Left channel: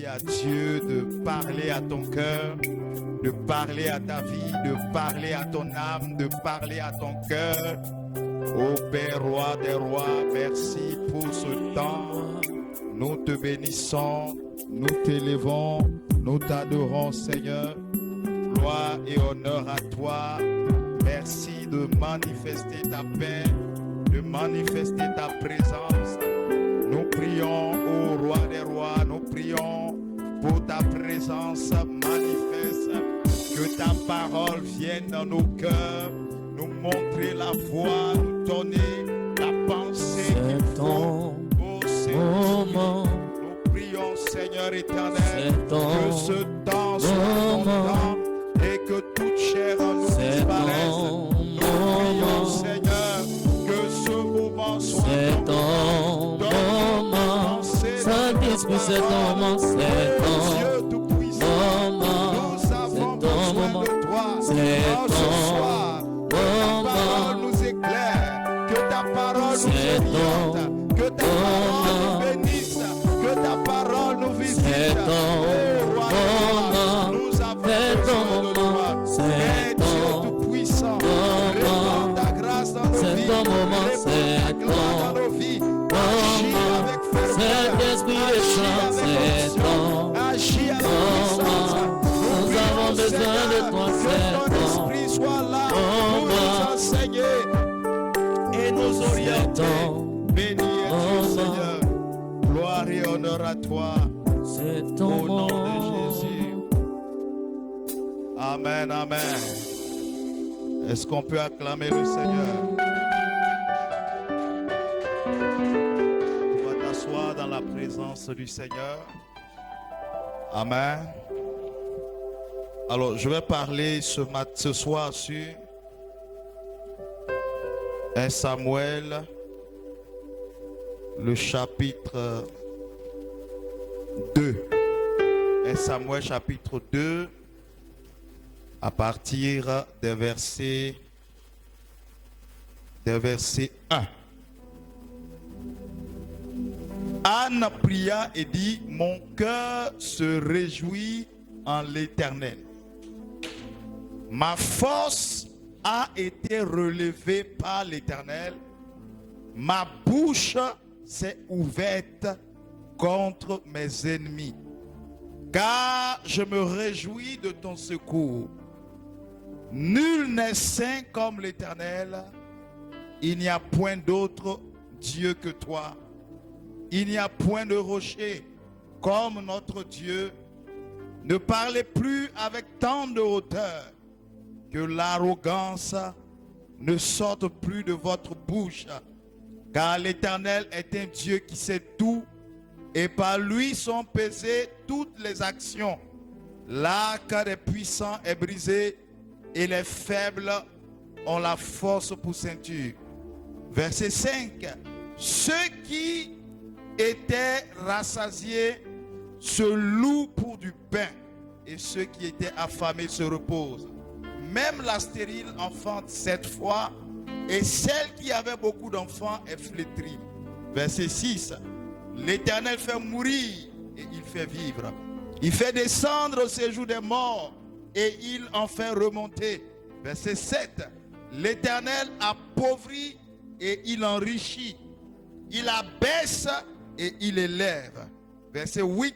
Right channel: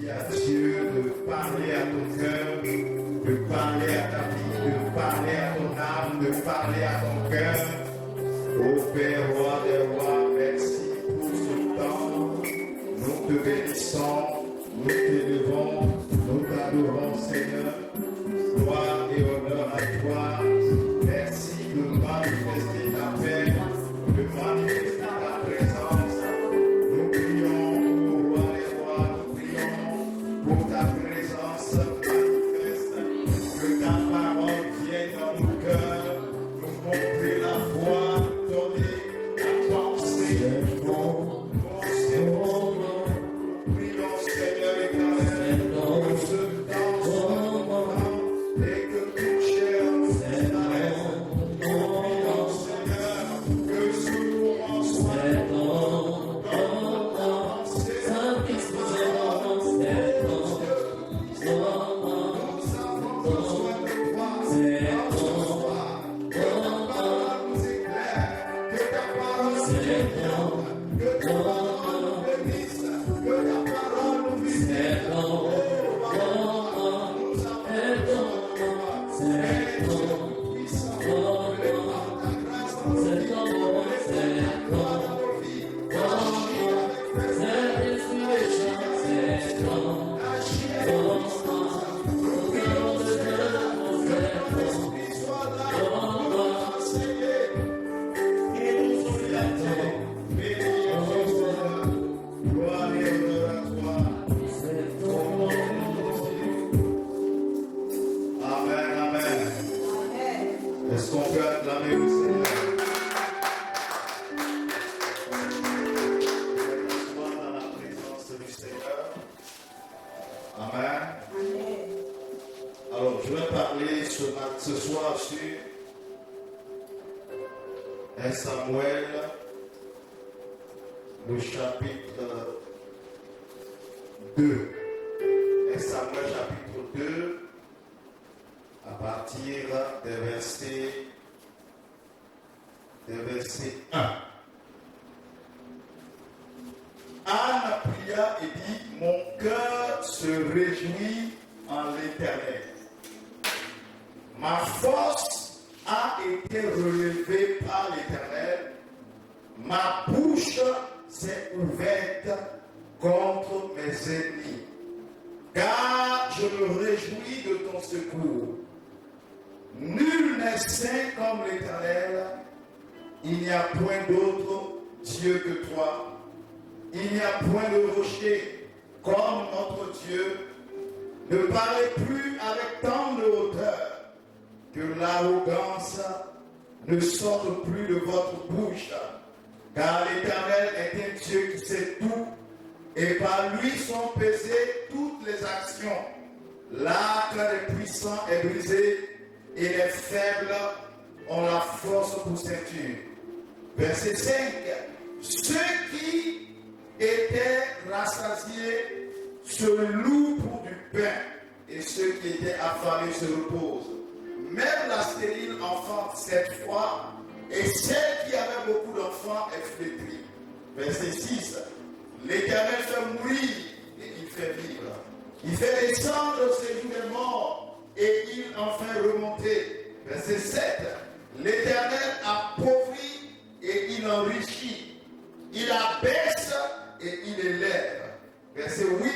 Dis à Dieu de parler à ton cœur, de parler à ta vie, de parler à ton âme, de parler à ton cœur. Ô Père, roi des rois, merci pour ce temps. Nous te bénissons, nous t'élevons, nous t'adorons, Seigneur. Gloire et honneur à toi. Merci de manifester ta paix, de manifester ta présence. Nous prions, ô roi des rois, nous prions pour ta présence manifeste. Que ta parole vienne dans nos cœurs, nous montrer la voie, donner la pensée. Oh Seigneur, nous prions, Seigneur éternel, que ce temps soit ton temps et que toute chair en nous disparaisse. Nous prions, Seigneur, que ce moment soit ton moment. Saint-Esprit, c'est ton moment, c'est ton Dieu Tout-Puissant, nous avons besoin de toi. C'est En ce soir, que ta parole nous éclaire, que ta parole nous oriente, que ta parole nous bénisse, que ta parole nous visite. Oh, roi des rois, nous avons besoin de toi. Père Dieu Tout-Puissant, répands ta grâce dans nos vies, répands ta gloire dans nos vies. Agis avec Saint-Esprit, agis avec émotion, agis avec puissance. Nous avons besoin de toi, que ton esprit soit là pour nous enseigner et nous orienter. Béni es-tu, Seigneur. Gloire et honneur à toi. c'est Au ton nom de moment. Jésus. Amen, amen. Est-ce qu'on peut acclamer le Seigneur? On va s'asseoir dans la présence du Seigneur. Amen. Alors, je vais parler ce soir sur 1 Samuel, le chapitre 2. 1 Samuel chapitre 2, à partir des versets 1. Anne pria et dit, mon cœur se réjouit en l'Éternel. Ma force a été relevée par l'Éternel. Ma bouche s'est ouverte contre mes ennemis. Car je me réjouis de ton secours. Nul n'est saint comme l'Éternel. Il n'y a point d'autre Dieu que toi. Il n'y a point de rocher comme notre Dieu. Ne parlez plus avec tant de hauteur, que l'arrogance ne sorte plus de votre bouche. Car l'Éternel est un Dieu qui sait tout, et par lui sont pesées toutes les actions. L'arc des puissants est brisé, et les faibles ont la force pour ceinture. Verset 5. Ceux qui étaient rassasiés se louent pour du pain, et ceux qui étaient affamés se reposent. Même la stérile enfante 7 fois, et celle qui avait beaucoup d'enfants est flétrie. Verset 6. L'Éternel fait mourir et il fait vivre. Il fait descendre ses jours des morts et il en fait remonter. Verset 7. L'Éternel appauvrit et il enrichit. Il abaisse et il élève. Verset 8.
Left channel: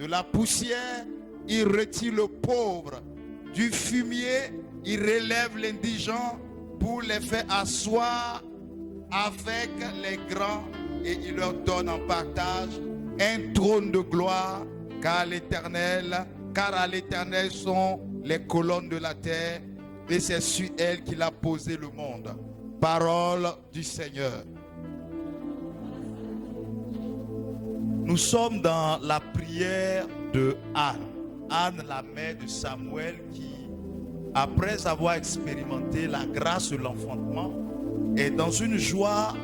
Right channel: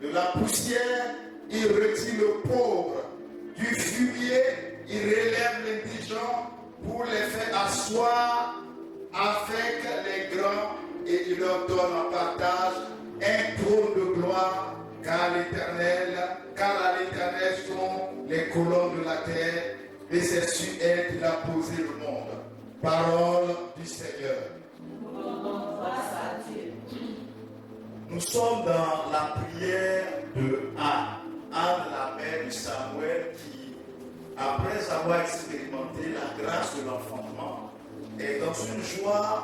De la poussière, il retire le pauvre. Du fumier, il relève l'indigent pour les faire asseoir avec les grands et il leur donne en partage un trône de gloire, car à l'Éternel sont les colonnes de la terre et c'est sur elle qu'il a posé le monde. Parole du Seigneur. Nous sommes dans la prière de Anne. Anne, la mère de Samuel, qui, après avoir expérimenté la grâce de l'enfantement, est dans une joie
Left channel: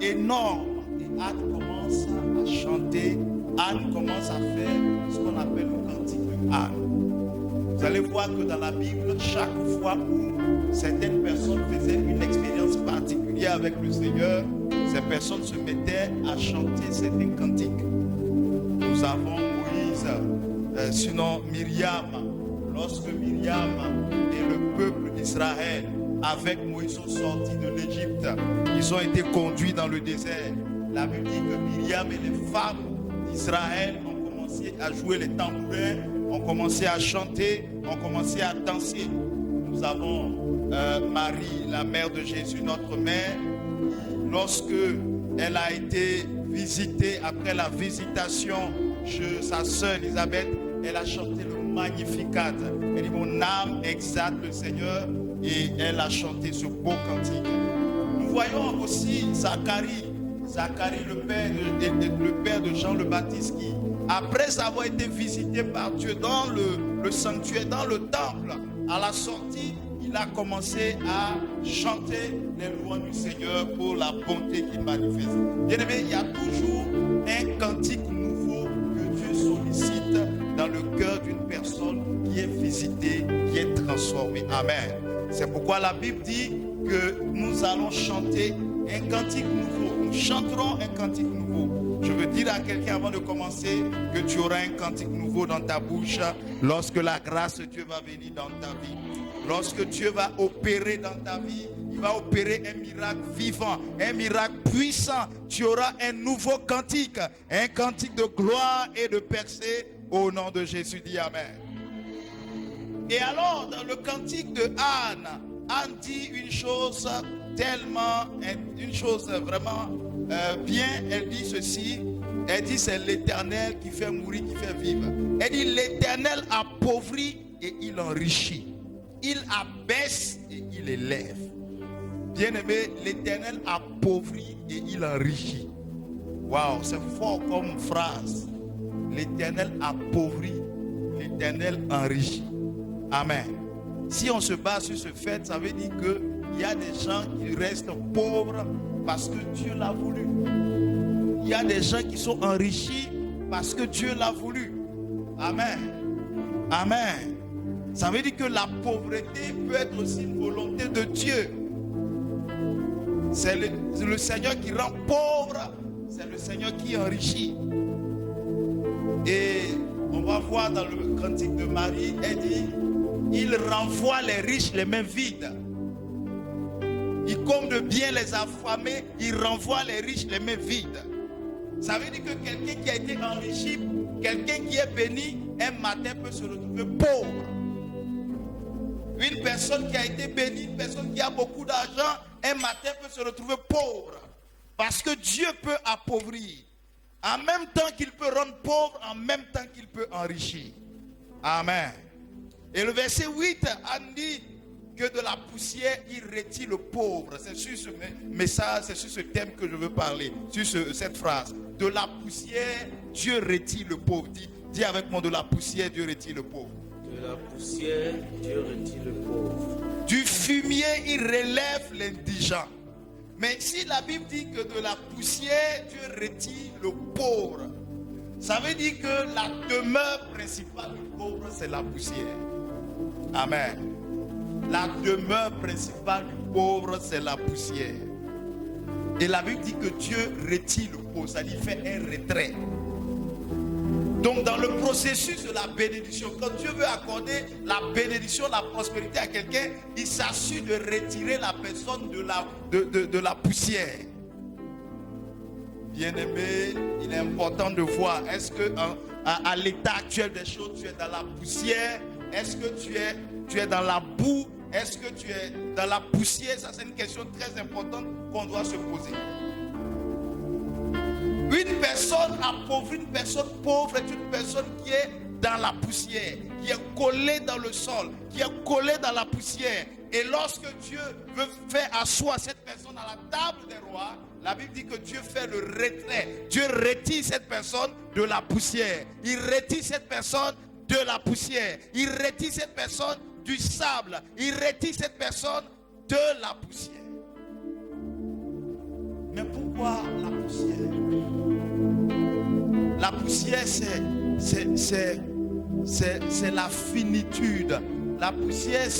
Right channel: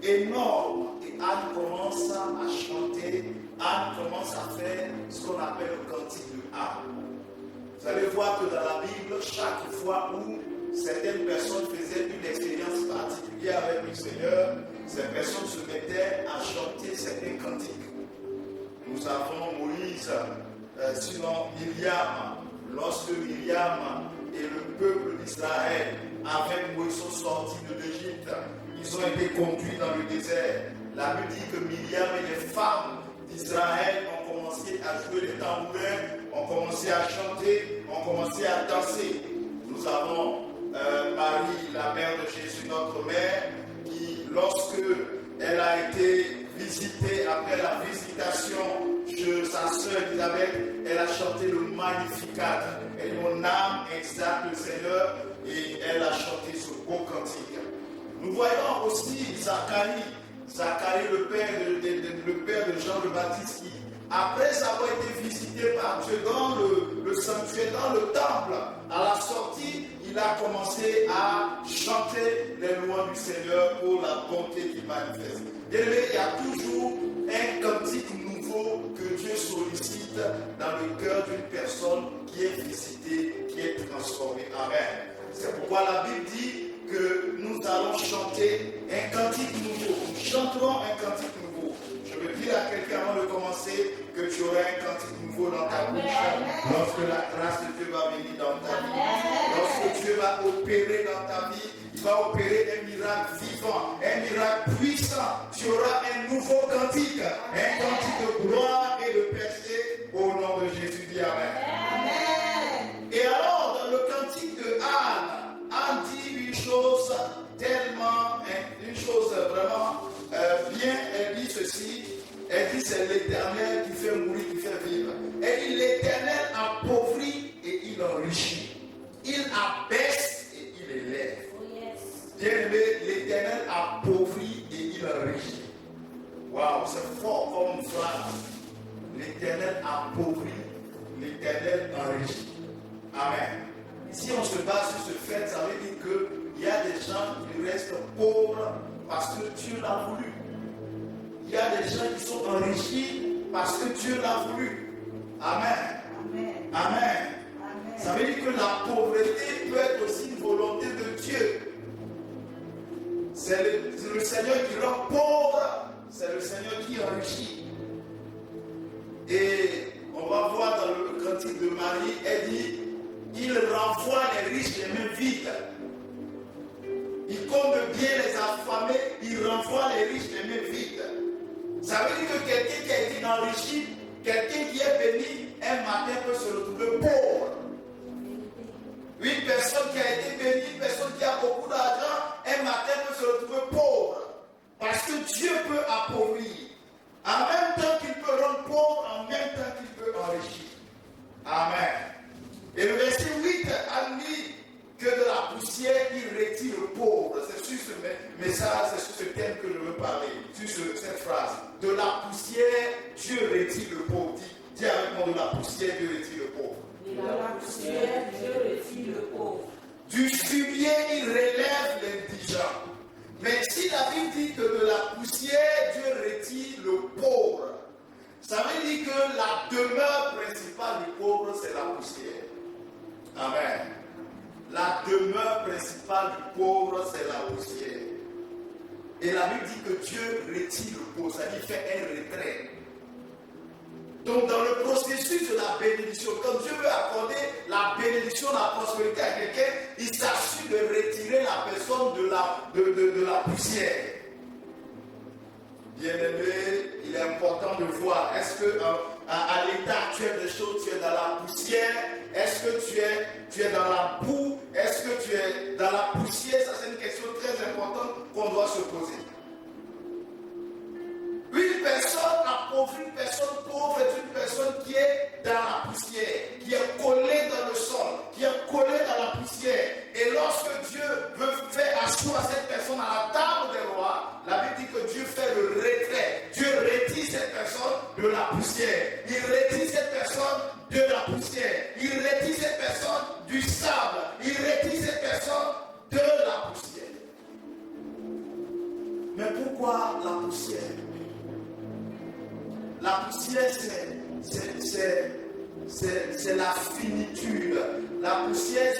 énorme. Et Anne commence à chanter, Anne commence à faire ce qu'on appelle le cantique de Anne. Vous allez voir que dans la Bible, chaque fois où certaines personnes faisaient une expérience particulière avec le Seigneur, ces personnes se mettaient à chanter certains cantiques. Nous avons Moïse Myriam et le peuple d'Israël avec Moïse sont sortis de l'Égypte. Ils ont été conduits dans le désert. La Bible dit que Myriam et les femmes d'Israël ont commencé à jouer les tambourins, ont commencé à chanter, ont commencé à danser. Nous avons Marie, la mère de Jésus, notre mère, qui, lorsque elle a été visitée, après la visitation de sa sœur Elisabeth, elle a chanté le Magnificat. Elle dit, mon âme exalte le Seigneur, et elle a chanté ce beau cantique. Nous voyons aussi Zacharie, le père de Jean le Baptiste, qui, après avoir été visité par Dieu dans le sanctuaire, dans le temple, à la sortie, il a commencé à chanter les louanges du Seigneur pour la bonté qu'il manifeste. Bien aimé, il y a toujours un cantique nouveau que Dieu sollicite dans le cœur d'une personne qui est visitée, qui est transformée. Amen. C'est pourquoi la Bible dit que nous allons chanter un cantique nouveau. Nous chanterons un cantique nouveau. Je veux dire à quelqu'un avant de commencer que tu auras un cantique nouveau dans ta bouche lorsque la grâce de Dieu va venir dans ta vie. Lorsque Dieu va opérer dans ta vie, il va opérer un miracle vivant, un miracle puissant. Tu auras un nouveau cantique, un cantique de gloire et de percée au nom de Jésus. Dis Amen. Et alors, dans le cantique de Anne dit une chose tellement, une chose vraiment bien. Elle dit ceci. Elle dit c'est l'Éternel qui fait mourir, qui fait vivre. Elle dit l'Éternel appauvrit et il enrichit. Il abaisse et il élève. Bien-aimé, l'Éternel appauvrit et il enrichit. Waouh, c'est fort comme phrase. L'Éternel appauvrit, l'Éternel enrichit. Amen. Si on se base sur ce fait, ça veut dire qu'il y a des gens qui restent pauvres parce que Dieu l'a voulu. Il y a des gens qui sont enrichis parce que Dieu l'a voulu. Amen. Amen. Ça veut dire que la pauvreté peut être aussi une volonté de Dieu. C'est le Seigneur qui rend pauvre, c'est le Seigneur qui enrichit. Et on va voir dans le cantique de Marie, elle dit, il renvoie les riches les mains vides. Il comble bien les affamés, il renvoie les riches les mains vides. Ça veut dire que quelqu'un qui a été enrichi, quelqu'un qui est béni, un matin peut se retrouver pauvre. Une personne qui a été bénie, une personne qui a beaucoup d'argent, un matin peut se retrouver pauvre. Parce que Dieu peut appauvrir. En même temps qu'il peut rendre pauvre, en même temps qu'il peut enrichir. Amen. Et le verset 8 a dit que de la poussière il retire le pauvre. C'est sur ce message, c'est sur ce thème que je veux parler. Sur cette phrase. De la poussière, Dieu retire le pauvre. Dis avec moi, de la poussière, Dieu retire le pauvre. De la poussière, Dieu retire le pauvre. Du fumier, il relève l'indigent. Mais si la Bible dit que de la poussière, Dieu retire le pauvre, ça veut dire que la demeure principale du pauvre, c'est la poussière. Amen. La demeure principale du pauvre, c'est la poussière. Et la Bible dit que Dieu retire le pauvre, ça dit fait un retrait. Donc dans le processus de la bénédiction, quand Dieu veut accorder la bénédiction, la prospérité à quelqu'un, il s'assure de retirer la personne de la poussière. Bien-aimé, il est important de voir, est-ce que à l'état actuel des choses, tu es dans la poussière? Est-ce que tu es dans la boue? Est-ce que tu es dans la poussière? Ça, c'est une question très importante qu'on doit se poser. Une personne appauvrie, une personne pauvre est une personne qui est dans la poussière, qui est collée dans le sol, qui est collée dans la poussière. Et lorsque Dieu veut faire asseoir cette personne à la table des rois, la Bible dit que Dieu fait le retrait. Dieu retire cette personne de la poussière. Il retire cette personne de la poussière. Il retire cette personne du sable. Il retire cette personne de la poussière. Mais pourquoi la poussière? La poussière, c'est la finitude. La poussière,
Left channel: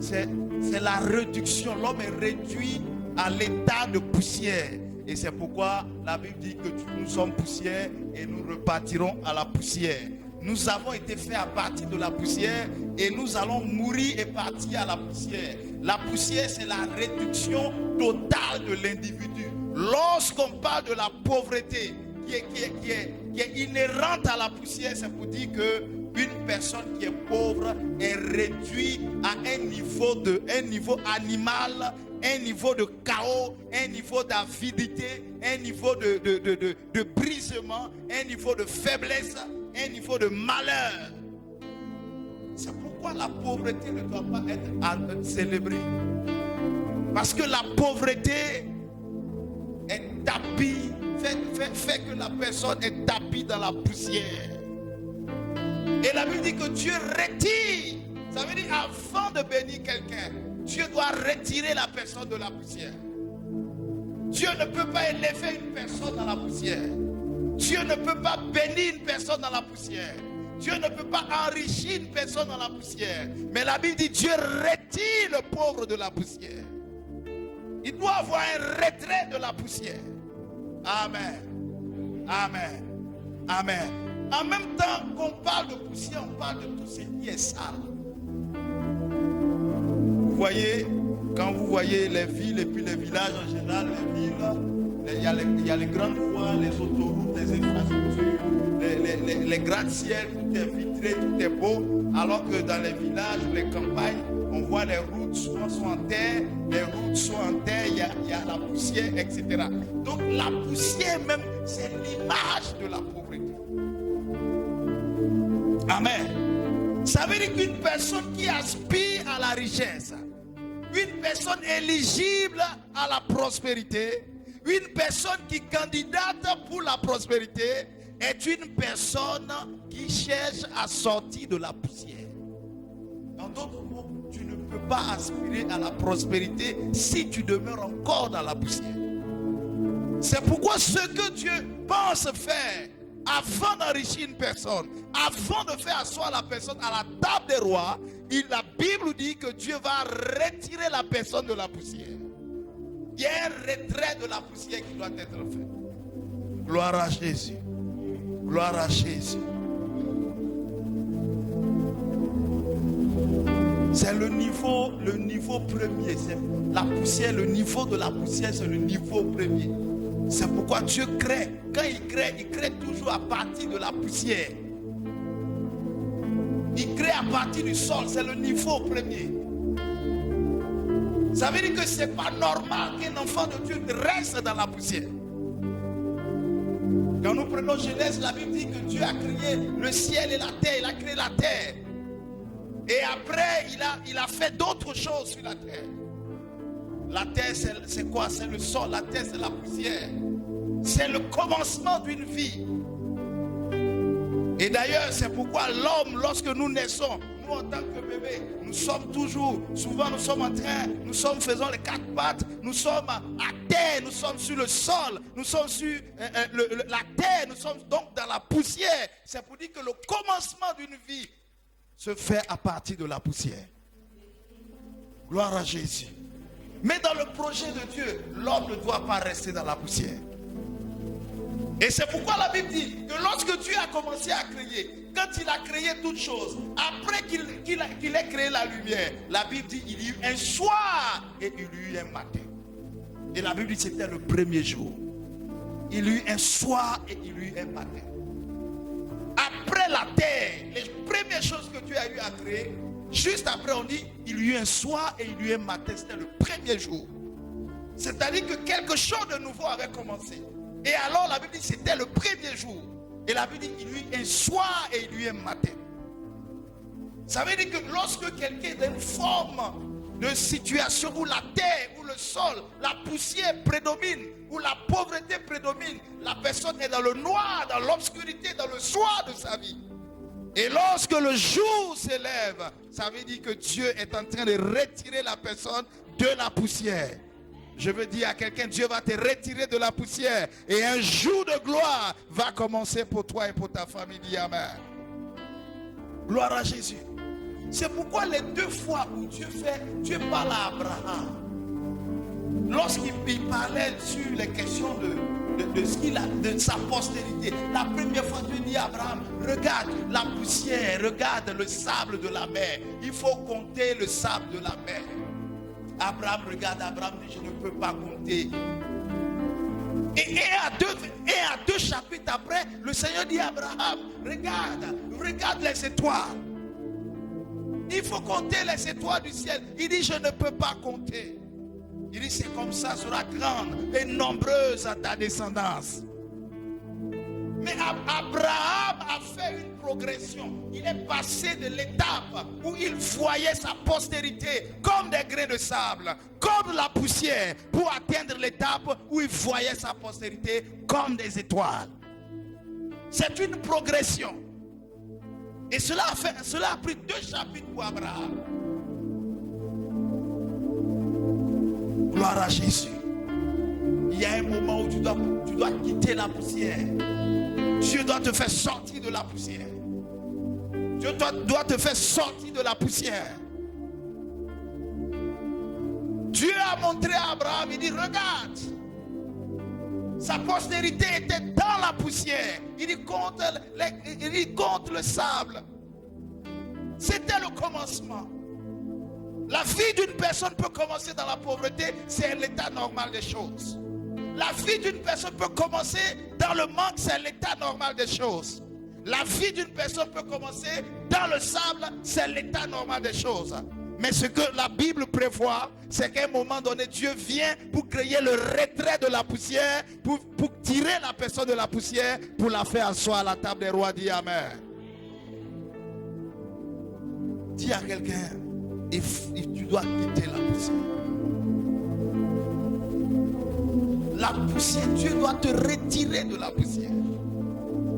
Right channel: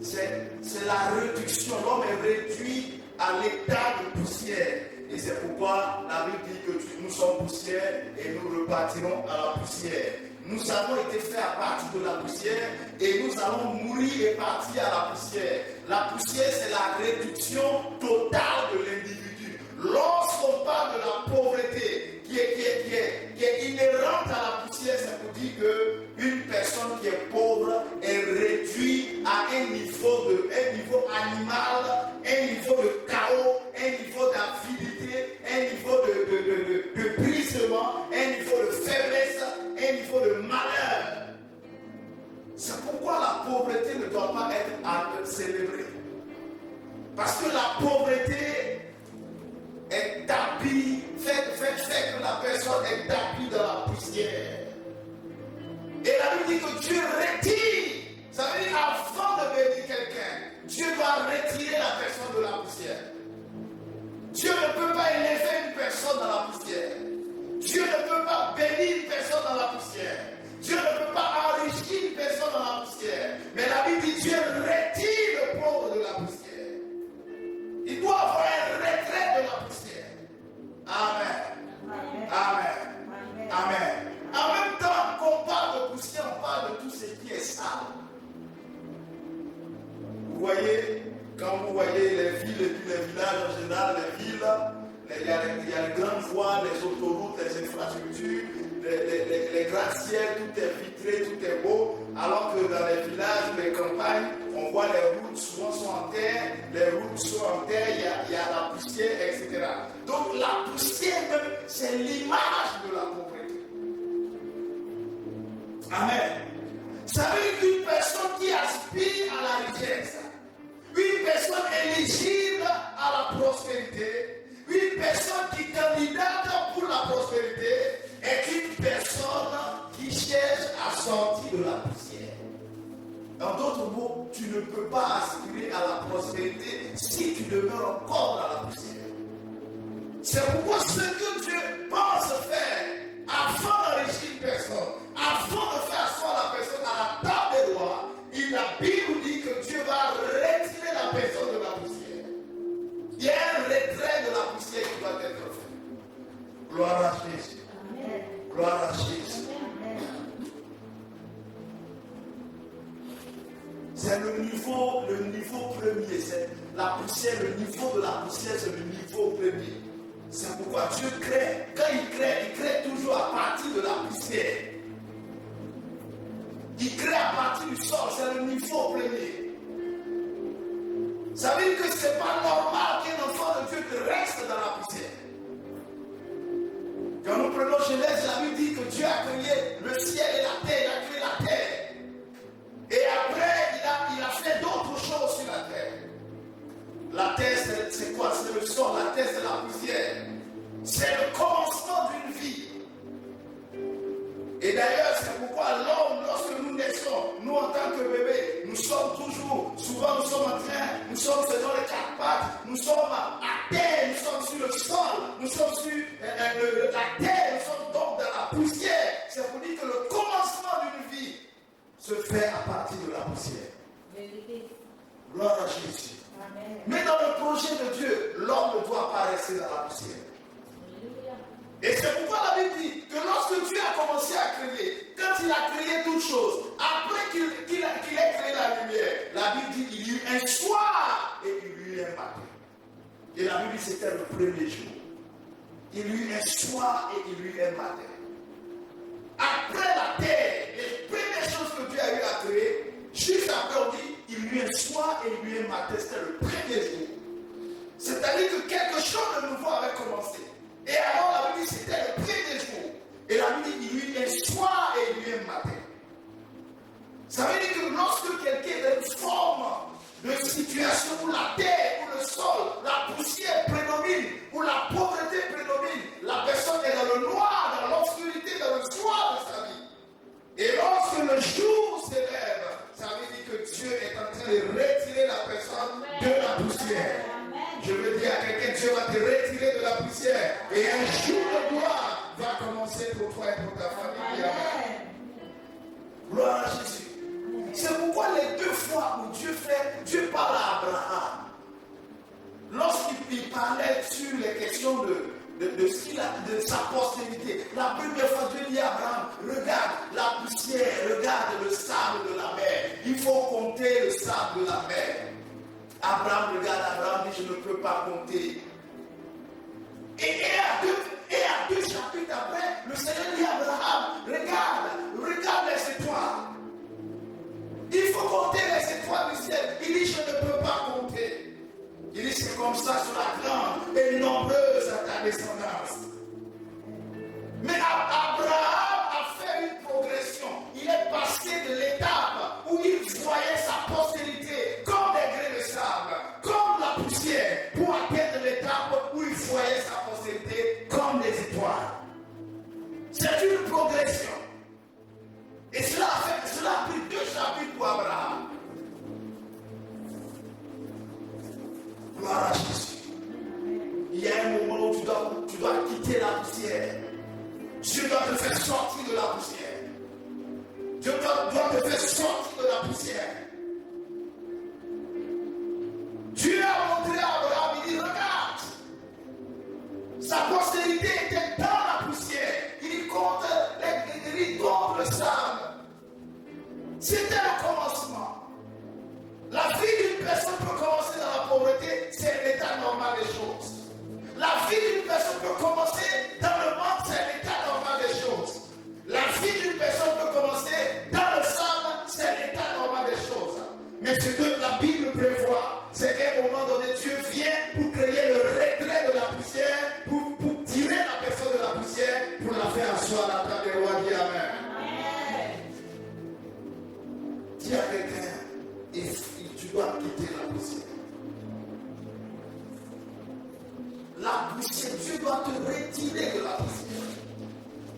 c'est la réduction. L'homme est réduit à l'état de poussière. Et c'est pourquoi la Bible dit que nous sommes poussière et nous repartirons à la poussière. nous avons été faits à partir de la poussière et nous allons mourir et partir à la poussière. La poussière, c'est la réduction totale de l'individu. Lorsqu'on parle de la pauvreté qui est inhérente à la poussière, ça veut dire qu'une personne qui est pauvre est réduite à un niveau animal, un niveau de chaos, un niveau d'avidité, un niveau de brisement, un niveau de faiblesse, un niveau de malheur. C'est pourquoi la pauvreté ne doit pas être célébrée. Parce que la pauvreté est tapie, fait que la personne est tapie dans la poussière. Et la Bible dit que Dieu retire. Ça veut dire avant de bénir quelqu'un, Dieu doit retirer la personne de la poussière. Dieu ne peut pas élever une personne dans la poussière. Dieu ne peut pas bénir une personne dans la poussière. Dieu ne peut pas enrichir une personne dans la poussière. Mais la Bible dit Dieu retire le pauvre de la poussière. Il doit avoir un retrait de la poussière. Amen. Amen. Amen. En même temps qu'on parle de poussière, on parle de tout ce qui est sale. Vous voyez, quand vous voyez les villes et puis les villages en général, les villes, il y a les grandes voies, les autoroutes, les infrastructures, les gratte-ciels, tout est vitré, tout est beau. Alors que dans les villages, les campagnes, on voit les routes souvent sont en terre, les routes sont en terre, il y a la poussière, etc. Donc la poussière même, c'est l'image de la pauvreté. Amen. Ça veut dire qu'une personne qui aspire à la richesse, une personne éligible à la prospérité, une personne qui candidate pour la prospérité, est une personne qui cherche à sortir de la poussière. En d'autres mots, tu ne peux pas aspirer à la prospérité si tu demeures encore dans la poussière. C'est pourquoi ce que Dieu pense faire afin d'enrichir une personne, afin de faire asseoir la personne à la table des rois, la Bible dit que Dieu va retirer la personne de la poussière. Il y a un retrait de la poussière qui va être fait. Gloire à Jésus. Gloire à Jésus. C'est le niveau premier. C'est la poussière, le niveau de la poussière, c'est le niveau premier. C'est pourquoi Dieu crée. Quand il crée toujours à partir de la poussière. Il crée à partir du sol, c'est le niveau premier. Ça veut dire que ce n'est pas normal qu'un enfant de Dieu reste dans la poussière. Quand nous prenons Genèse, la Bible dit que Dieu a créé le ciel et la terre, il a créé la terre. Et après, il a fait d'autres choses sur la terre. La terre, c'est quoi? C'est le sol, la terre, c'est la poussière. C'est le commencement d'une vie. Et d'ailleurs, c'est pourquoi l'homme, lorsque nous naissons, nous en tant que bébés, nous sommes toujours, souvent nous sommes en train, nous sommes faisant les quatre pattes, nous sommes à terre, nous sommes sur le sol, nous sommes sur la terre, nous sommes donc dans la poussière. C'est pour dire que le commencement d'une vie se fait à partir de la poussière. Gloire à Jésus. Mais dans le projet de Dieu, l'homme ne doit pas rester dans la poussière. Et c'est pourquoi la Bible dit que lorsque Dieu a commencé à créer, quand il a créé toutes choses, après qu'il ait créé la lumière, la Bible dit qu'il y eut un soir et il y eut un matin. Et la Bible dit que c'était le premier jour. Il y eut un soir et il y eut un matin. Après la terre, les premières choses que Dieu a eu à créer, juste après on dit il y eut un soir et il y eut un matin. C'était le premier jour. C'est-à-dire que quelque chose de nouveau avait commencé. Et alors la Bible dit que c'était le premier jour. Et la Bible dit qu'il y eut un soir et il y eut un matin. Ça veut dire que lorsque quelqu'un est dans une forme de situation où la terre, où le sol, la poussière prédomine, où la pauvreté prédomine, la personne est dans le noir, dans l'obscurité, dans le soir de sa vie. Et lorsque le jour s'élève, ça veut dire que Dieu est en train de retirer la personne de la poussière. Je veux dire à quelqu'un, Dieu va te retirer de la poussière et un jour de gloire va commencer pour toi et pour ta famille. Amen. Gloire à Jésus. C'est pourquoi les deux fois où Dieu parle à Abraham, lorsqu'il parlait sur les questions de ce qu'il a, de sa postérité, la première fois Dieu dit à Abraham, regarde la poussière, regarde le sable de la mer. Il faut compter le sable de la mer. Abraham regarde, Abraham dit, je ne peux pas compter. Et à deux chapitres après, le Seigneur dit à Abraham, regarde les étoiles. Il faut compter les étoiles du ciel. Il dit, je ne peux pas compter. Il dit, c'est comme ça sera grande et nombreuse à ta descendance. Mais Abraham a fait une progression. Il est passé de l'étape où il voyait sa postérité comme des grains de sable, comme la poussière, pour atteindre l'étape où il voyait sa postérité comme des étoiles. C'est une progression. Et cela a pris 2 chapitres pour Abraham. Gloire à Jésus. Il y a un moment où tu dois quitter la poussière. Dieu doit te faire sortir de la poussière. Dieu doit te faire sortir de la poussière. Dieu a montré à Abraham, il dit, regarde, sa postérité était dans la poussière. Il dit, contre le sable. C'était le commencement. La vie d'une personne peut commencer dans la pauvreté, c'est l'état normal des choses. La vie d'une personne peut commencer dans le manque, c'est l'état normal des choses. La vie d'une personne peut commencer dans le sable, c'est l'état normal des choses. Mais ce que la Bible prévoit, c'est qu'à un moment donné, Dieu vient pour créer le retrait de la poussière, pour tirer la personne de la poussière, pour la faire asseoir à la table des rois. Dis Amen. Dis à quelqu'un, tu dois quitter la poussière. La poussière, Dieu doit te retirer de la poussière.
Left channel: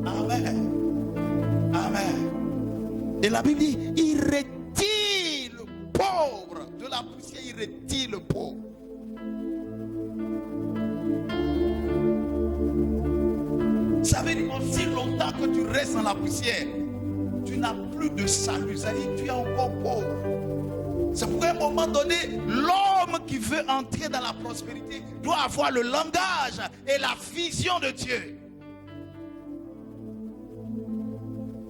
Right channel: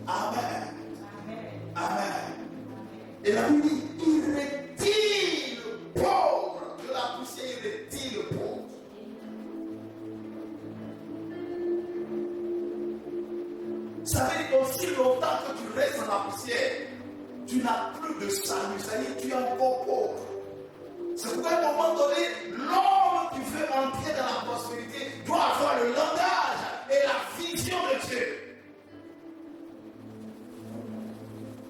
Amen. Amen. Et la Bible dit, il retire le pauvre de la poussière, il retire le pauvre. Ça veut dire aussi longtemps que tu restes dans la poussière, tu n'as plus de salut, c'est-à-dire tu es encore pauvre. C'est pourquoi à un moment donné, l'homme qui veut entrer dans la prospérité doit avoir le langage et la vision de Dieu.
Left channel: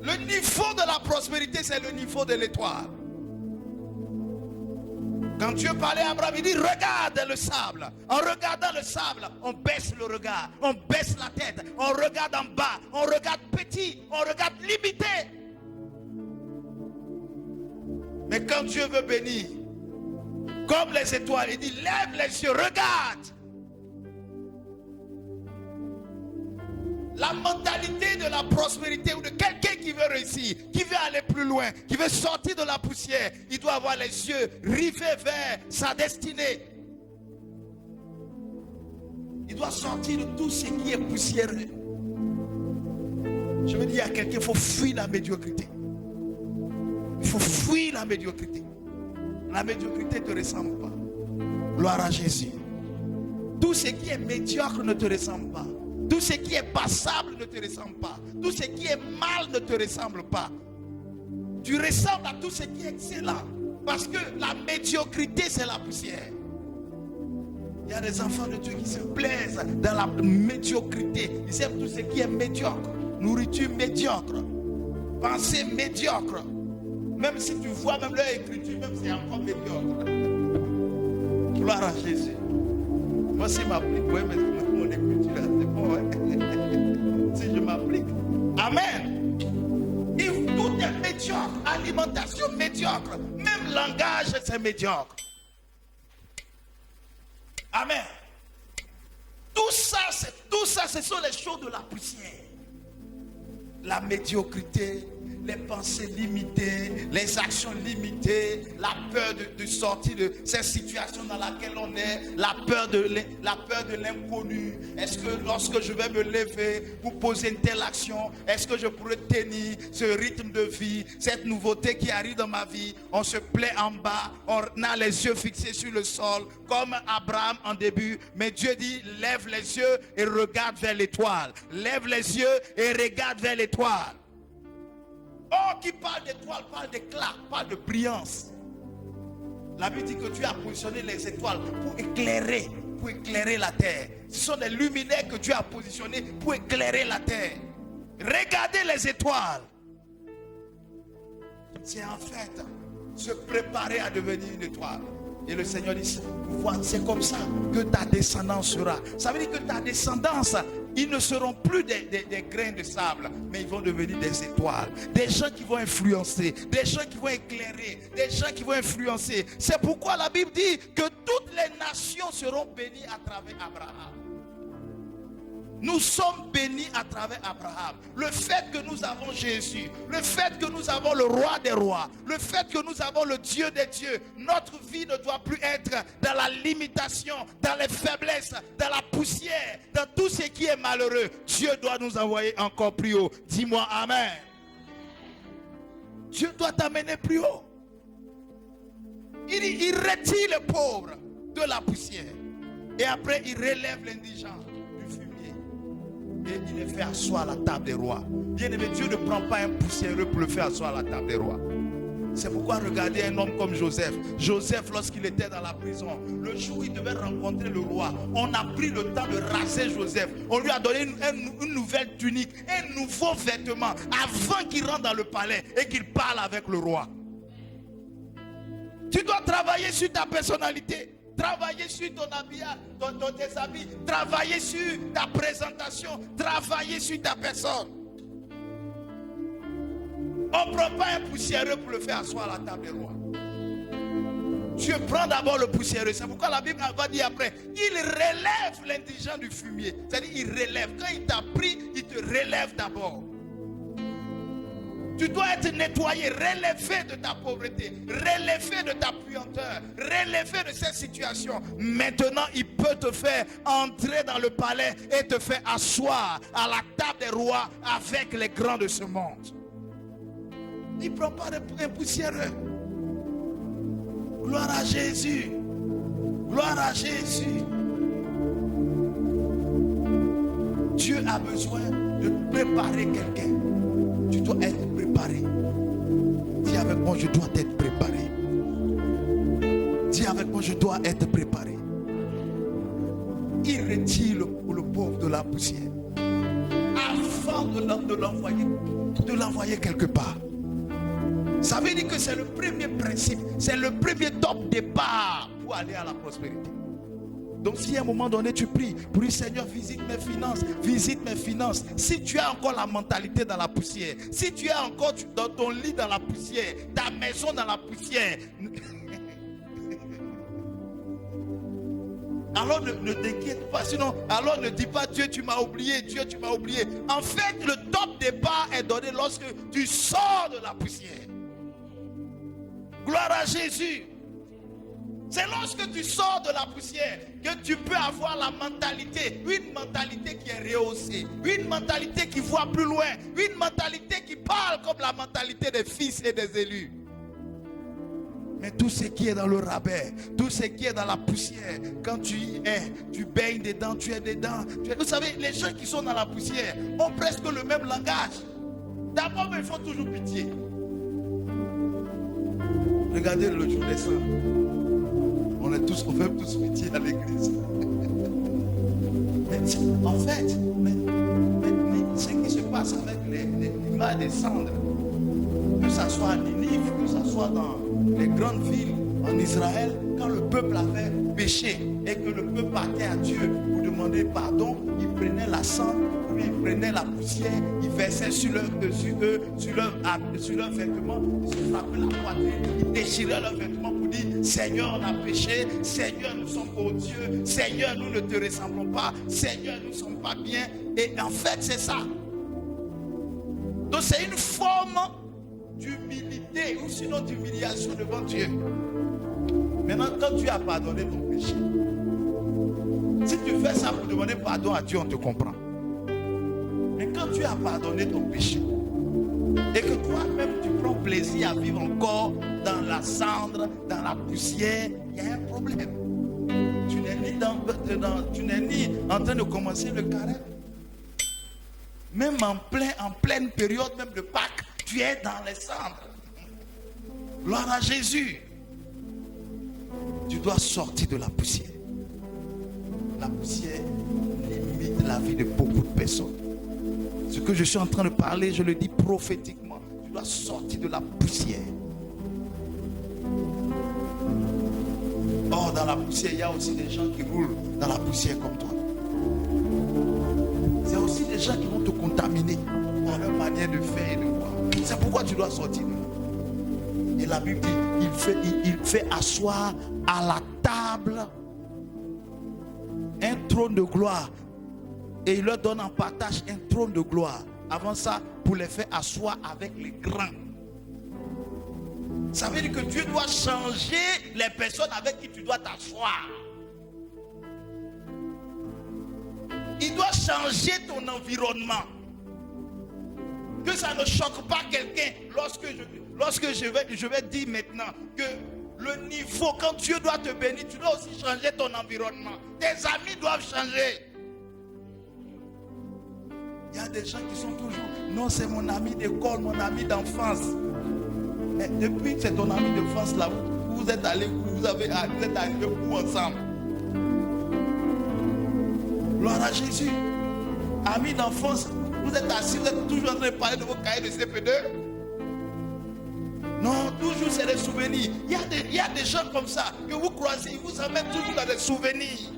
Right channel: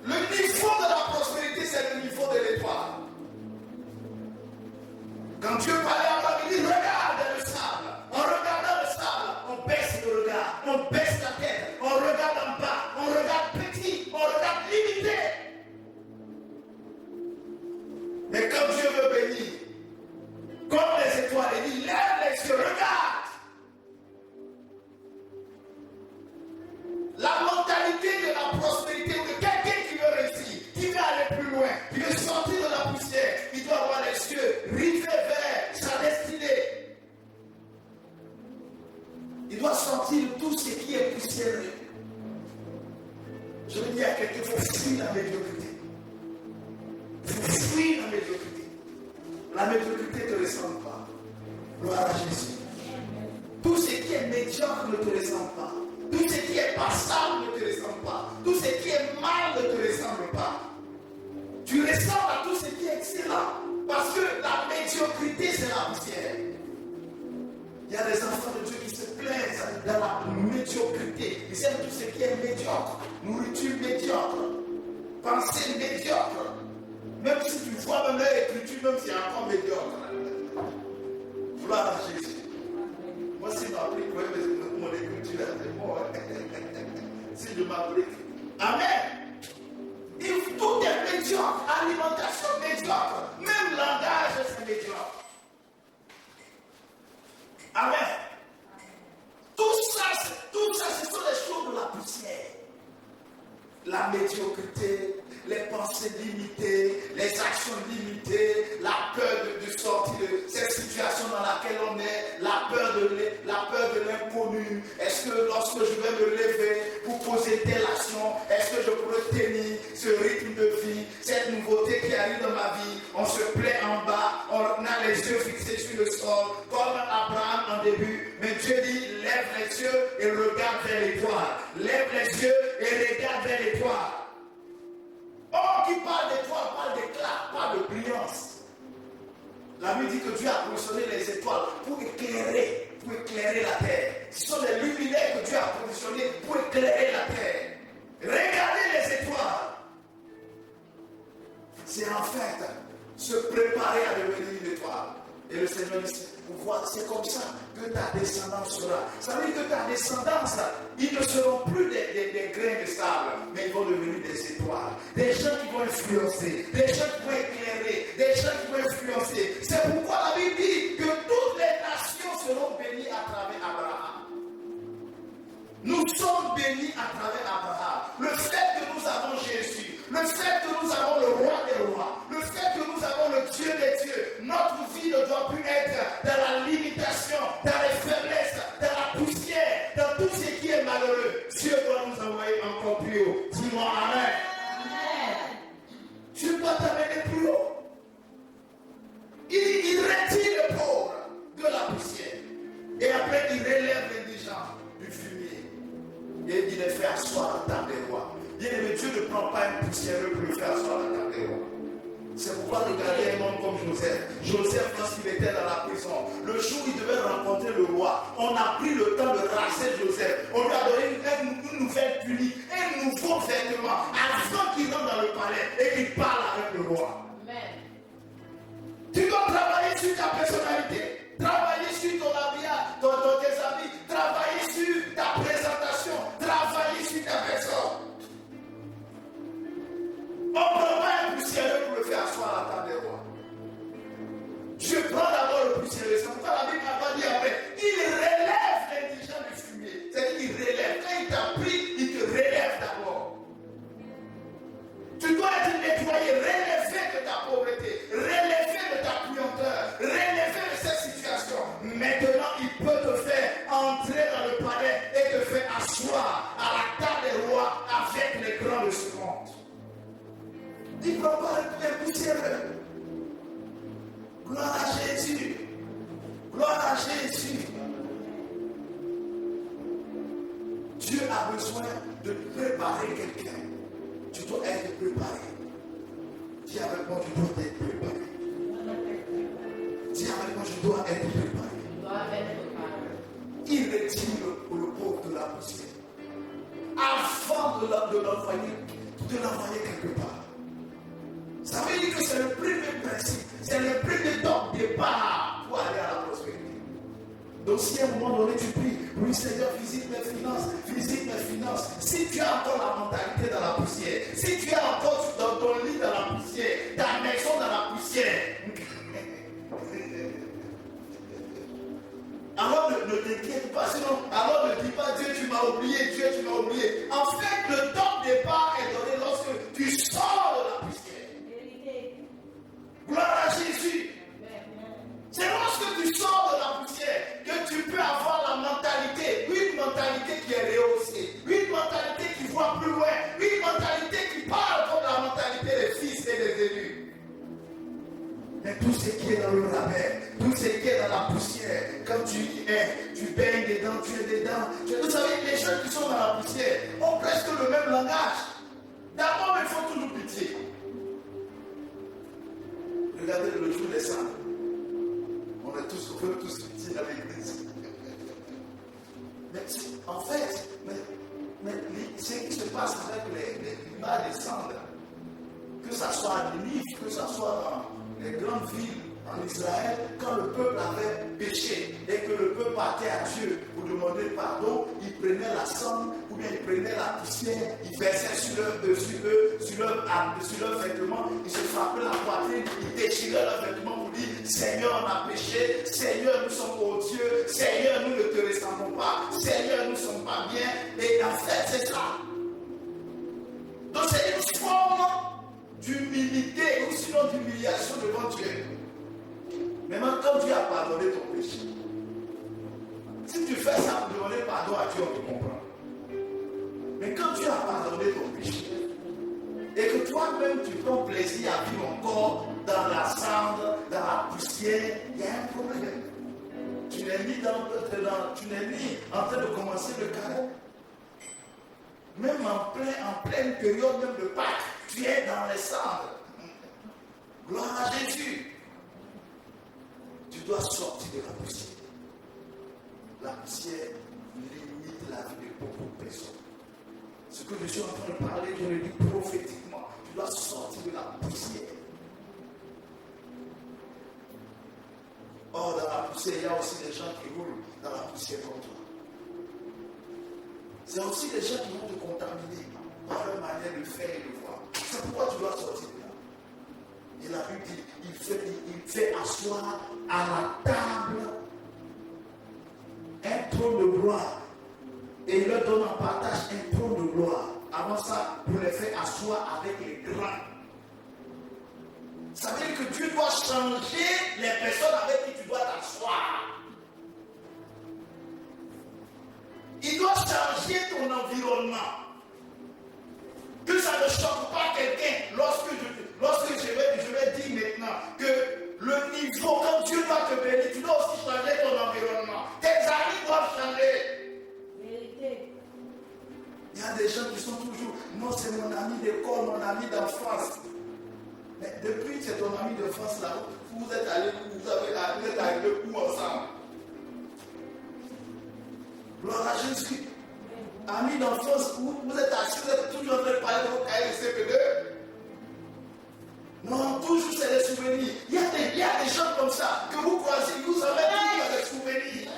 Le niveau de la prospérité, c'est le niveau de l'étoile. Quand Dieu parlait à Abraham, il dit, regarde le sable. En regardant le sable, on baisse le regard, on baisse la tête, on regarde en bas, on regarde petit, on regarde limité. Mais quand Dieu veut bénir, comme les étoiles, il dit, lève les yeux, regarde. La mentalité de la prospérité ou de quelqu'un qui veut réussir, qui veut aller plus loin, qui veut sortir de la poussière, il doit avoir les yeux rivés vers sa destinée. Il doit sortir de tout ce qui est poussiéreux. Je veux dire à quelqu'un, il faut fuir la médiocrité. Il faut fuir la médiocrité. La médiocrité ne te ressemble pas. Gloire à Jésus. Tout ce qui est médiocre ne te ressemble pas. Tout ce qui est passable ne te ressemble pas. Tout ce qui est mal ne te ressemble pas. Tu ressembles à tout ce qui est excellent. Parce que la médiocrité, c'est la poussière. Il y a des enfants de Dieu qui se plaisent dans la médiocrité. Ils aiment tout ce qui est médiocre. Nourriture médiocre. Pensée médiocre. Même si tu vois même leur écriture, même si c'est encore médiocre. Gloire à Jésus. Moi, si ma prière, mon écriture, c'est bon. Si je m'applique. Amen. Tout est médiocre. Alimentation médiocre. Même langage, c'est médiocre. Amen. Tout ça, ce sont les choses de la poussière. La médiocrité, les pensées limitées, les actions limitées, la peur de sortir de cette situation dans laquelle on est, la peur de l'inconnu. Est-ce que lorsque je vais me lever pour poser telle action, est-ce que je pourrais tenir ce rythme de vie, cette nouveauté qui arrive dans ma vie? On se plaît en bas, on a les yeux fixés sur le sol, comme Abraham en début. Mais Dieu dit, lève les yeux et regarde vers l'étoile. Lève les yeux et regarde vers l'étoile. Oh, qui parle d'étoile, parle d'éclat, parle de brillance. La Bible dit que Dieu a positionné les étoiles pour éclairer la terre. Ce sont des luminaires que Dieu a positionnés pour éclairer la terre. Regardez les étoiles. c'est en fait se préparer à devenir une étoile. Et le Seigneur dit, c'est comme ça que ta descendance sera. Ça veut dire que ta descendance, ils ne seront plus des grains de sable, mais ils vont devenir des étoiles. Des gens qui vont influencer, des gens qui vont éclairer, des gens qui vont influencer. C'est pourquoi la Bible dit que toutes les nations seront bénies à travers Abraham. Nous sommes bénis à travers Abraham. Le fait que nous avons Jésus, le fait que nous avons le roi des rois, le fait que nous avons le Dieu des dieux, notre vie ne doit plus être dans la limitation, dans les faiblesses, dans la poussière, dans tout ce qui est malheureux. Dieu doit nous envoyer encore plus haut. Dis-moi Amen. Amen. Dieu doit t'amener plus haut. Il retire le pauvre de la poussière. Et après il relève l'indigent du fumier. Et il les fait asseoir à la table des rois. Bien-aimé, Dieu ne prend pas un poussiéreux pour le faire asseoir à la table des rois. C'est pourquoi regardez un homme comme Joseph. Joseph, lorsqu'il était dans la prison, le jour où il devait rencontrer le roi, on a pris le temps de raser Joseph. On lui a donné une nouvelle tunique, un nouveau vêtement, avant qu'il rentre dans le palais et qu'il parle avec le roi. Tu dois travailler sur ta personnalité, travailler sur ton habillage, dans tes habits, travailler sur ta présentation, travailler sur ta personne. On ne prend pas un poussiéreux pour le faire asseoir à la table des rois. Tu prends d'abord le poussiéreux. C'est pourquoi la Bible n'a pas dit après, il relève l'indigent du fumier. C'est-à-dire qu'il relève. Quand il t'a pris, il te relève d'abord. Tu dois être nettoyé, relevé de ta pauvreté, relevé de ta puanteur, relevé de cette situation. Maintenant, il peut te faire entrer dans le palais et te faire asseoir à la table des rois avec les grands de ce monde. Il ne prend pas un poussiéreux. Gloire à Jésus. Gloire à Jésus. Dieu a besoin de préparer quelqu'un. Tu dois être préparé. Dis avec moi, je dois être préparé. Dis avec moi, je dois être préparé. Il retire le pauvre de la poussière avant de l'envoyer quelque part. Ça veut dire que c'est le premier principe, c'est le premier top départ pour aller à la prospérité. Donc si à un moment donné tu pries, pour le Seigneur visite mes finances, visite mes finances. Si tu as encore la mentalité dans la poussière, si tu es encore dans ton lit dans la poussière, ta maison dans la poussière, alors ne t'inquiète pas, sinon, alors ne dis pas Dieu tu m'as oublié, Dieu tu m'as oublié. En fait, le top départ est donné lorsque tu sors de la poussière. Gloire à Jésus. C'est lorsque tu sors de la poussière que tu peux avoir la mentalité, une mentalité qui est rehaussée, une mentalité qui voit plus loin, une mentalité qui parle comme la mentalité des fils et des élus. Mais tout ce qui est dans le rabais, tout ce qui est dans la poussière, quand tu baignes dedans, tu es dedans. Vous savez, les gens qui sont dans la poussière ont presque le même langage. D'abord, il faut toujours pitié. Regardez le jour des saints. On veut tous pitié à l'église. Mais en fait, ce qui se passe avec les mal des cendres, que ce soit à Ninive, que ce soit dans les grandes villes en Israël, quand le peuple avait péché et que le peuple partait à Dieu pour demander pardon, il prenait la cendre, ou bien il prenait la poussière, il versait sur leurs vêtements, il se frappait la poitrine, il déchirait leurs vêtements pour dire Seigneur, on a péché, Seigneur, nous sommes odieux, Seigneur, nous ne te ressemblons pas, Seigneur, nous ne sommes pas bien. Et en fait, c'est ça. Donc c'est une forme d'humilité ou sinon d'humiliation devant Dieu. Maintenant, quand tu as pardonné ton péché, si tu fais ça pour demander pardon à Dieu, on te comprend. Mais quand tu as pardonné ton péché, et que toi-même tu prends plaisir à vivre encore dans la cendre, dans la poussière, il y a un problème. Tu n'es ni en train de commencer le carême. Même en pleine période même de Pâques, tu es dans les cendres. Gloire à Jésus. Tu dois sortir de la poussière. La poussière limite la vie de beaucoup de personnes. Ce que je suis en train de parler, je le dis prophétiquement. Tu dois sortir de la poussière. poussière, il y a aussi des gens qui roulent dans la poussière comme toi. C'est aussi des gens qui vont te contaminer par leur manière de faire et de voir. C'est pourquoi tu dois sortir. Et la Bible dit, il fait asseoir à la table un trône de gloire. Et il leur donne en partage un trône de gloire. Avant ça, pour les faire asseoir avec les grands. Ça veut dire que Dieu doit changer les personnes avec qui tu dois t'asseoir. Il doit changer ton environnement. Que ça ne choque pas quelqu'un lorsque je vais dire maintenant que le niveau, quand Dieu doit te bénir, tu dois aussi changer ton environnement. Tes amis doivent changer. Il y a des gens qui sont toujours, non, c'est mon ami d'école, mon ami d'enfance. Mais depuis que c'est ton ami d'enfance là, vous êtes allés, vous êtes arrivés où ensemble? Gloire à Jésus. Amis d'enfance, vous êtes assis, vous êtes toujours en train de parler de vos cahiers de CP2. Non, toujours c'est des souvenirs. Il y a des gens comme ça que vous croisez, vous avez toujours des souvenirs.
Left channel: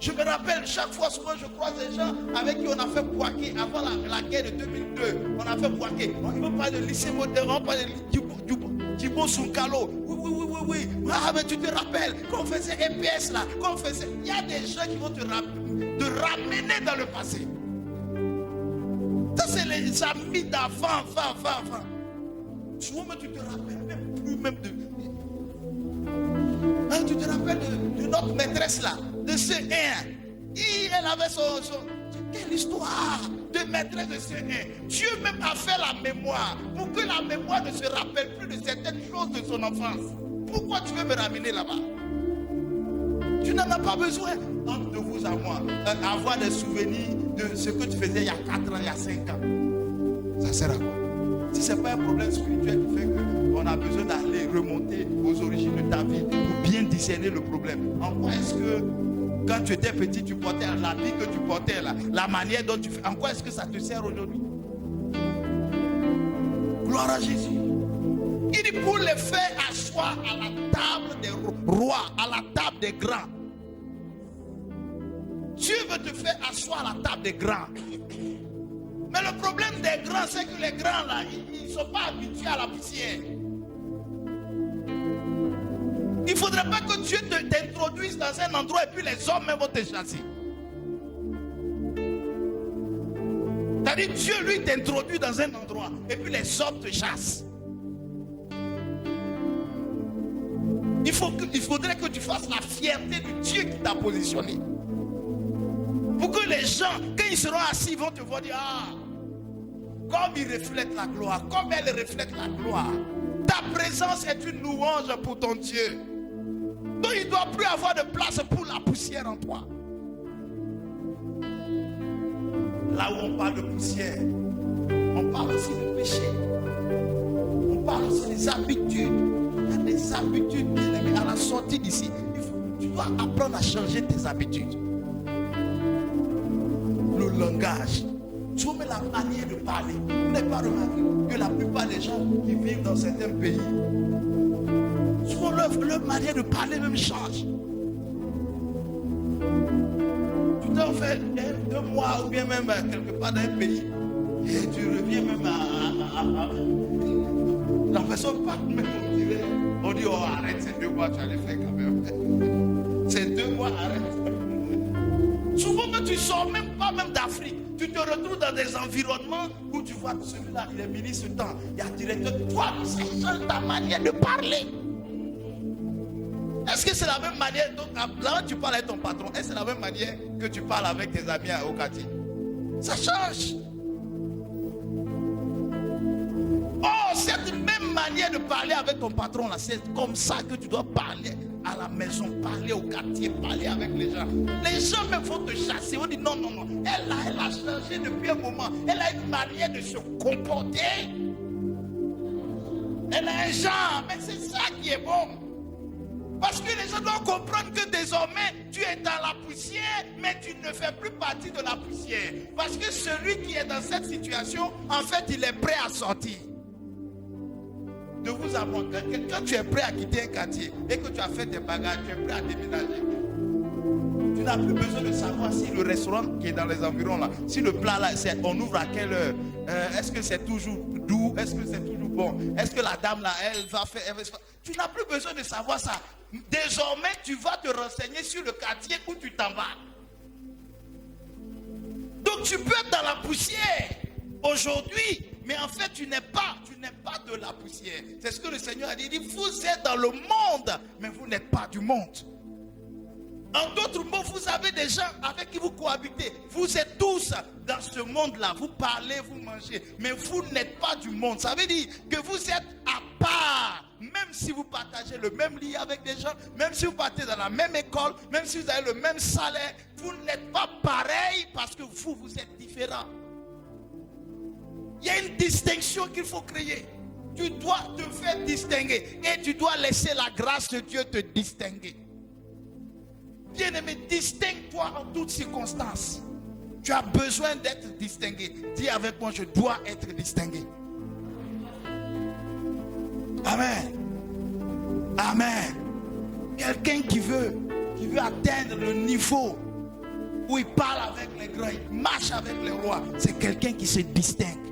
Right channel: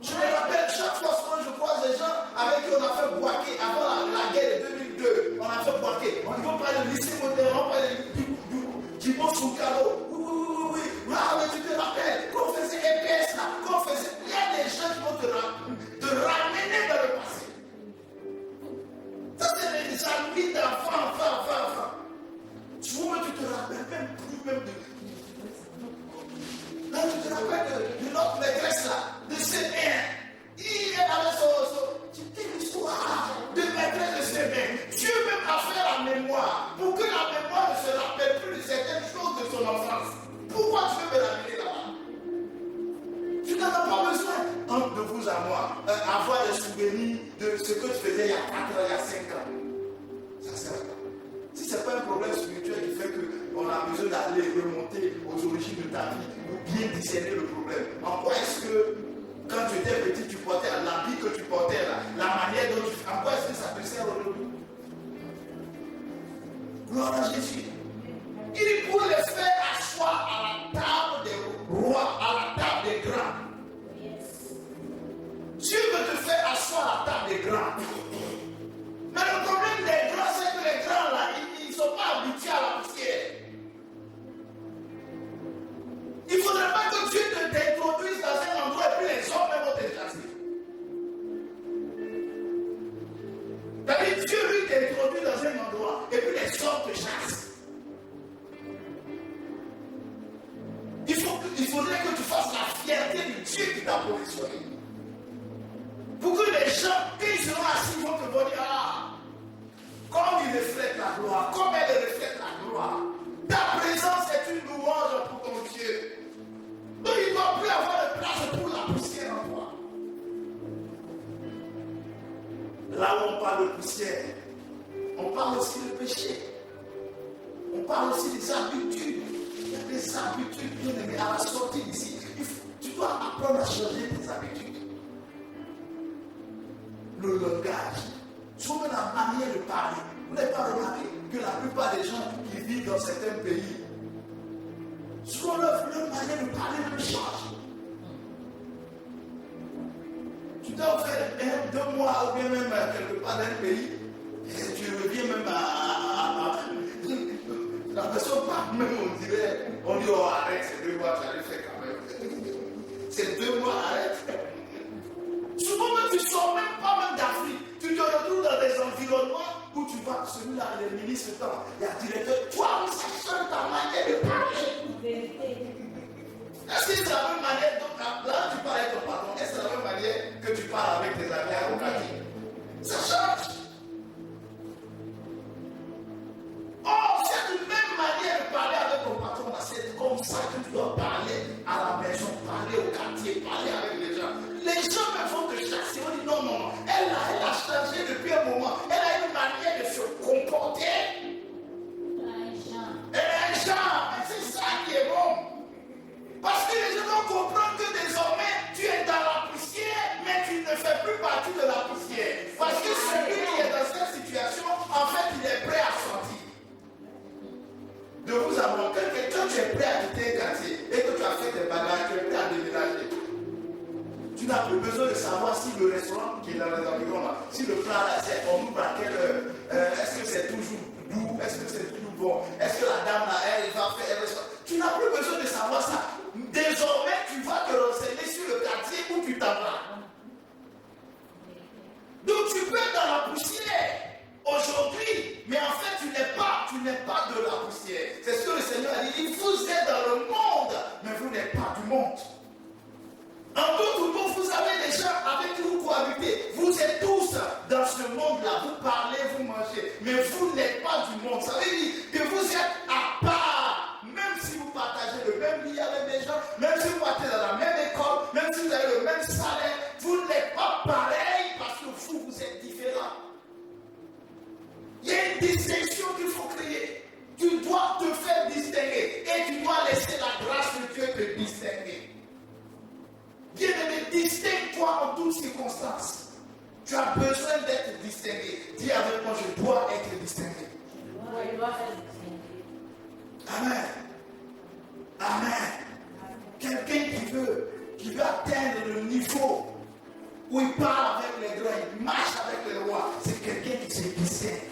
Je me rappelle, chaque fois souvent je croise des gens avec qui on a fait Poitiers avant la guerre de 2002. On a fait Poitiers. On parle de lycée moderne, on parle de Djibo Soukalo. Oui. Ah, mais tu te rappelles qu'on faisait EPS là, qu'on faisait. Il y a des gens qui vont te ramener dans le passé. Ça, c'est les amis d'enfants, souvent tu te rappelles même plus même de. Même tu te rappelles de notre maîtresse là, de C1. Elle avait quelle histoire de maîtresse de C1. Dieu même a fait la mémoire pour que la mémoire ne se rappelle plus de certaines choses de son enfance. Pourquoi tu veux me ramener là-bas? Tu n'en as pas besoin, entre vous à moi, avoir des souvenirs de ce que tu faisais il y a 4 ans, il y a 5 ans. Ça sert à quoi? Si ce n'est pas un problème spirituel qui fait qu'on a besoin d'aller remonter aux origines de ta vie pour bien discerner le problème. En quoi est-ce que quand tu étais petit, tu portais un habit que tu portais là, la manière dont tu fais, en quoi est-ce que ça te sert aujourd'hui? Gloire à Jésus. Il dit pour les faire asseoir à la table des rois, à la table des grands. Dieu veut te faire asseoir à la table des grands. Mais le problème des grands, c'est que les grands là, ils ne sont pas habitués à la poussière. Il ne faudrait pas que Dieu t'introduise dans un endroit et puis les hommes même vont te chasser. C'est-à-dire Dieu lui t'introduit dans un endroit et puis les hommes te chassent. Il faudrait que tu fasses la fierté de Dieu qui t'a positionné. Pour que les gens, quand ils seront assis, vont te dire, ah, comme ils reflètent la gloire, comme elle reflète la gloire. Ta présence est une louange pour ton Dieu. Donc il ne doit plus avoir de place pour la poussière en toi. Là où on parle de poussière, on parle aussi de péché. On parle aussi des habitudes. Des habitudes. À la sortie d'ici, tu dois apprendre à changer tes habitudes. Le langage. Tu vois la manière de parler. Vous n'avez pas remarqué que la plupart des gens qui vivent dans certains pays, souvent leur manière de parler même change. Tu dois faire 2 mois ou bien même quelque part dans un pays et tu reviens même à la personne parle même, on dit oh arrête, c'est 2 mois, tu vas le faire quand même. C'est 2 mois, arrête. Souvent tu sors même pas même d'Afrique. Tu te retrouves dans des environnements où tu vois celui-là, les ministres, il y a directeur, toi, c'est ta manière de parler. Est-ce que c'est la même manière dont là tu parles avec ton patron? Est-ce que c'est la même manière que tu parles avec tes amis à Okaki? Ça change. Oh, cette même manière de parler avec ton patron là, c'est comme ça que tu dois parler à la maison, parler au quartier, parler avec les gens. Les gens même vont te chasser. On dit non, elle a changé depuis un moment. Elle a une manière de se comporter. Elle a un genre, mais c'est ça qui est bon. Parce que les gens doivent comprendre que désormais tu es dans la poussière, mais tu ne fais plus partie de la poussière. Parce que celui qui est dans cette situation, en fait, il est prêt à sortir. De vous avoir quelqu'un, quand tu es prêt à quitter un quartier et que tu as fait tes bagages, tu es prêt n'as plus besoin de savoir si le restaurant qui est dans les environs là, si le plat là, on ouvre à quelle heure, est-ce que c'est toujours doux, est-ce que c'est toujours bon, est-ce que la dame là, elle va faire, tu n'as plus besoin de savoir ça. Désormais, tu vas te renseigner sur le quartier où tu t'en vas. Donc tu peux être dans la poussière aujourd'hui, mais en fait tu n'es pas de la poussière. C'est ce que le Seigneur a dit. Vous êtes dans le monde, mais vous n'êtes pas du monde. En d'autres mots, vous avez des gens avec qui vous cohabitez. Vous êtes tous dans ce monde-là. Vous parlez, vous mangez, mais vous n'êtes pas du monde. Ça veut dire que vous êtes à part. Même si vous partagez le même lit avec des gens, même si vous partez dans la même école, même si vous avez le même salaire, vous n'êtes pas pareil parce que vous êtes différents. Il y a une distinction qu'il faut créer. Tu dois te faire distinguer et tu dois laisser la grâce de Dieu te distinguer. Bien-aimé, distingue-toi en toutes circonstances. Tu as besoin d'être distingué. Dis avec moi, je dois être distingué. Amen. Amen. Quelqu'un qui veut atteindre le niveau où il parle avec les rois, il marche avec les rois, c'est quelqu'un qui se distingue.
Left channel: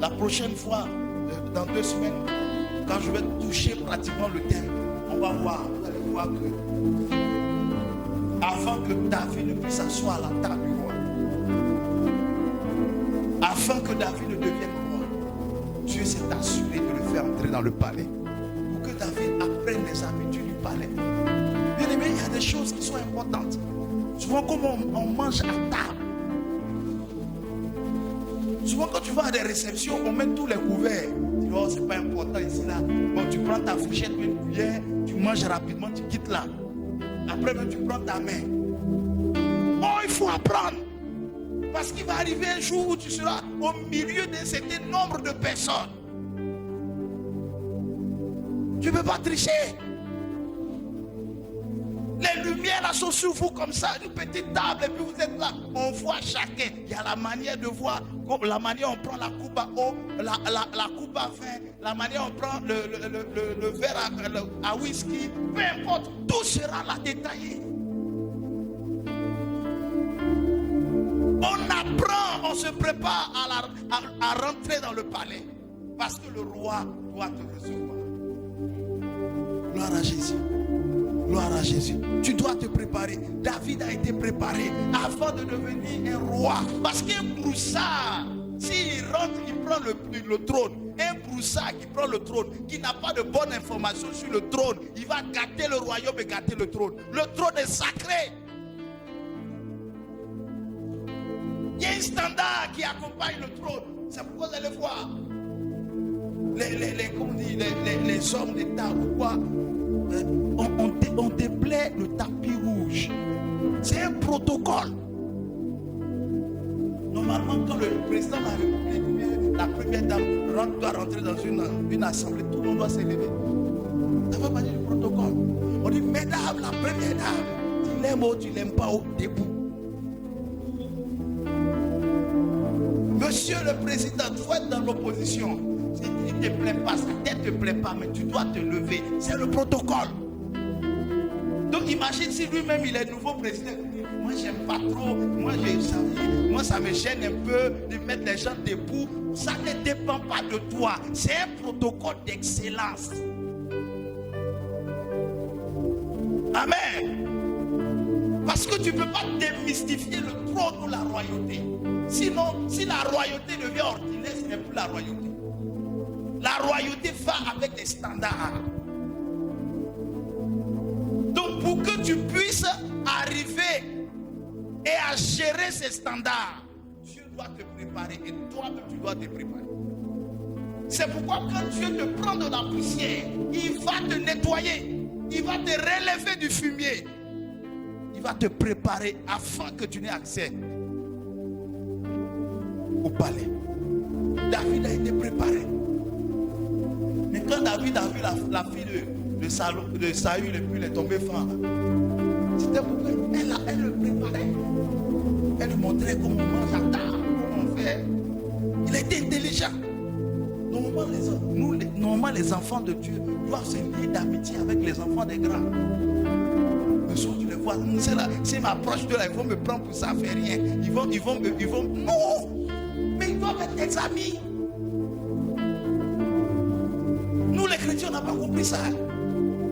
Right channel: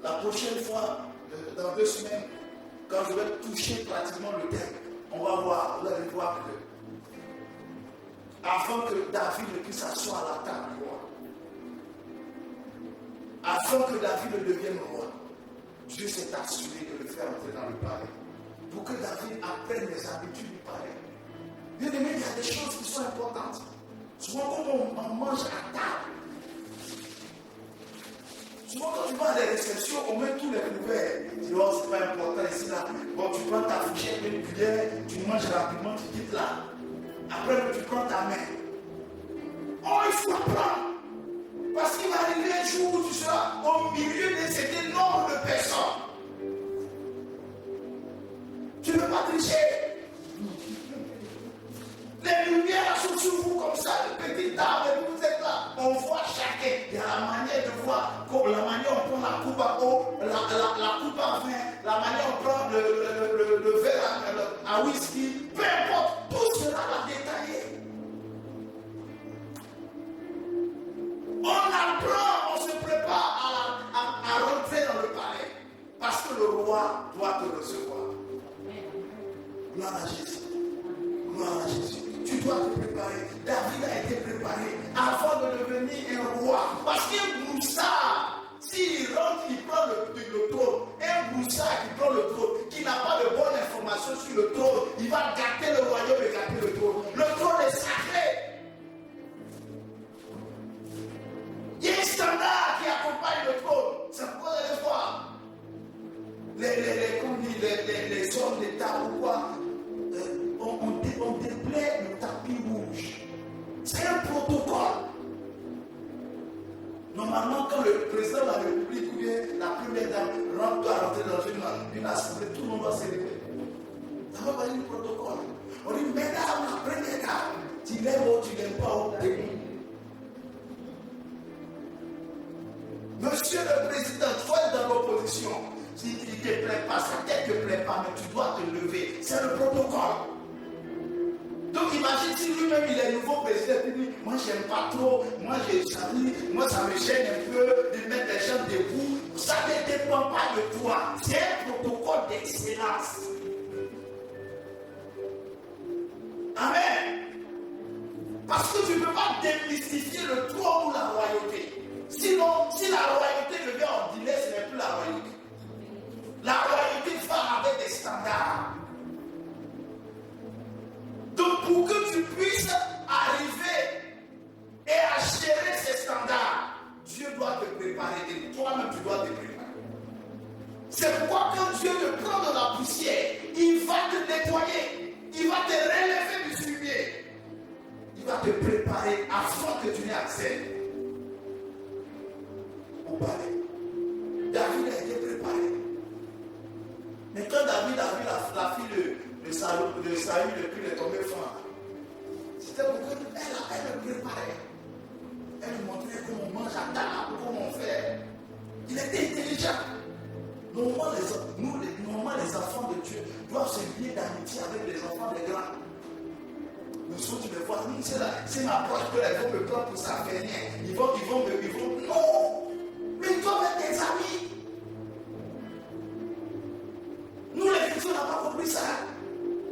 La prochaine fois, dans 2 semaines, quand je vais toucher pratiquement le thème, on va voir, vous allez voir que avant que David ne puisse s'asseoir à la table du roi, avant que David ne devienne roi, Dieu s'est assuré de le faire entrer dans le palais pour que David apprenne les habitudes du palais. Bien aimé, il y a des choses qui sont importantes. Souvent, comme on mange à table, souvent quand tu vas à des réceptions, on met tous les couverts. Oh, c'est pas important ici là. Bon, tu prends ta fourchette, une cuillère, tu manges rapidement, tu quittes là. Après, tu prends ta main. Oh, il faut apprendre. Parce qu'il va arriver un jour où tu seras au milieu d'un certain nombre de personnes. Tu ne peux pas tricher. Les lumières sont sur vous comme ça, de petites tables, et puis vous êtes là. On voit chacun. Il y a la manière de voir, la manière on prend la coupe à eau, la coupe à vin, la manière on prend le verre à whisky. Peu importe, tout sera là détaillé. On apprend, on se prépare à rentrer dans le palais. Parce que le roi doit te recevoir. Gloire à Jésus. Gloire à Jésus. Tu dois te préparer. David a été préparé avant de devenir un roi. Parce qu'un broussard, s'il rentre, il prend le trône. Un broussard qui prend le trône, qui n'a pas de bonne information sur le trône, il va garder le royaume et garder le trône. Le trône est sacré. Il y a un standard qui accompagne le trône. C'est pourquoi vous allez voir les hommes d'État, pourquoi on déplaie le tapis rouge. C'est un protocole. Normalement, quand le président de la République, la première dame, doit rentrer dans une assemblée, tout le monde doit se lever. Ça va parler du protocole. On dit, mesdames, la première dame, tu l'aimes ou tu n'aimes pas au début. Monsieur le président, toi dans l'opposition, si tu ne te plaît pas, sa tête ne te plaît pas, mais tu dois te lever. C'est le protocole. Donc imagine si lui-même il est nouveau président, il dit, moi j'aime pas trop, moi ça me gêne un peu de mettre des gens debout. Ça ne dépend pas de toi, c'est un protocole d'excellence. Amen. Parce que tu ne peux pas démystifier le trône ou la royauté. Sinon, si la royauté devient ordinaire, ce n'est plus la royauté. La royauté va avec des standards. Donc pour que tu puisses arriver et à gérer ces standards, Dieu doit te préparer et toi-même tu dois te préparer. C'est pourquoi quand Dieu te prend dans la poussière, il va te nettoyer, il va te relever du fumier, il va te préparer afin que tu n'aies accès au palais. David a été préparé. Mais quand David a vu la fille de Saül et puis il est tombé femme, c'était pour qu'elle le préparait. Elle lui montrait comment on mange à table, comment on fait. Il était intelligent. Normalement, les enfants de Dieu doivent se lier d'amitié avec les enfants des grands. vois, c'est ma proche de là, ils vont me prendre pour ça, mais rien. Ils vont, non. Mais ils doivent être des amis. Nous, les chrétiens, on n'a pas compris ça.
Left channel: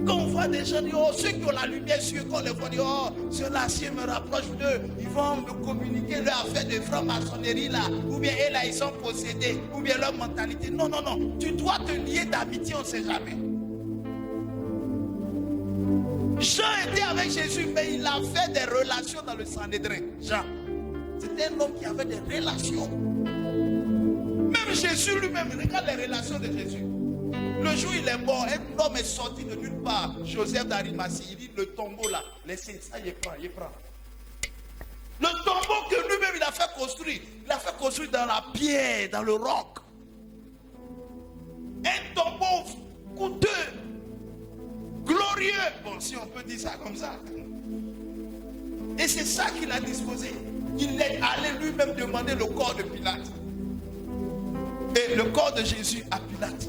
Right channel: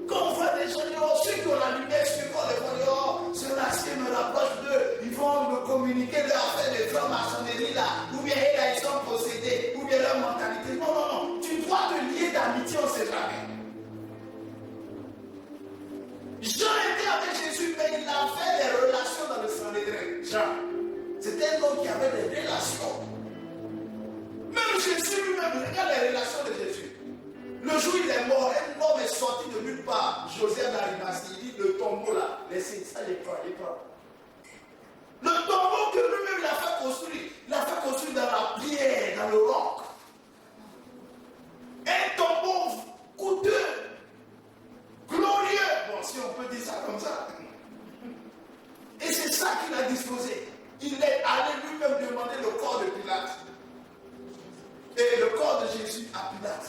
Quand on voit des gens dire, oh, ceux qui ont la lumière sur eux, quand les gens disent, oh, ceux-là, si je me rapproche d'eux, ils vont me communiquer leur affaire de franc-maçonnerie là, ou bien eux là, ils sont possédés, ou bien leur mentalité. Non, non, non. Tu dois te lier d'amitié, on ne sait jamais. Jean était avec Jésus, mais il a fait des relations dans le Sanhédrin. Jean, c'était un homme qui avait des relations. Même Jésus lui-même, regarde les relations de Jésus. Le jour où il est mort, un homme est sorti de nulle part. Joseph d'Arimathie, il dit le tombeau là, laissez ça, il prend. Le tombeau que lui-même il a fait construire, il a fait construire dans la pierre, dans le roc. Un tombeau coûteux, glorieux, bon si on peut dire ça comme ça. Et c'est ça qu'il a disposé. Il est allé lui-même demander le corps de Pilate. Et le corps de Jésus à Pilate.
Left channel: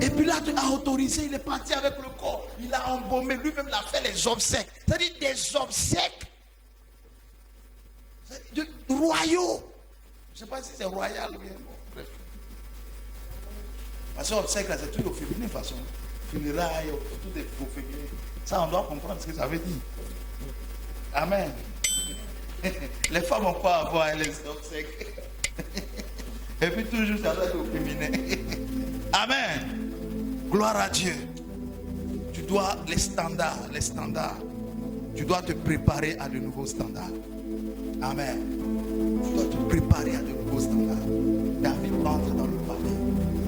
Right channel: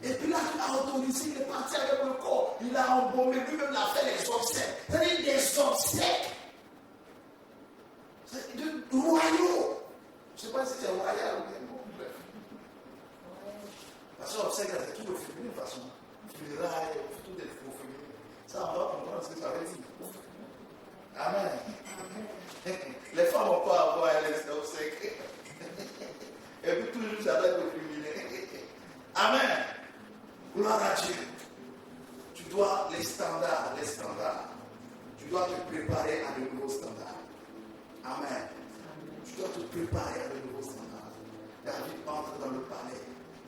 Et Pilate a autorisé, il est parti avec le corps, il a embaumé, lui-même il a fait des obsèques. C'est-à-dire des obsèques royaux. Je ne sais pas si c'est royal ou bien. Parce que obsèques là, c'est tout au féminin de toute façon. Funérailles, tout est au féminin. Ça, on doit comprendre ce que ça veut dire. Amen. Les femmes ont quoi à voir les obsèques. Et puis toujours ça doit être au féminin. Amen. Gloire à Dieu. Tu dois les standards. Tu dois te préparer à de nouveaux standards. Amen. Tu dois te préparer à de nouveaux standards. David entre dans le palais.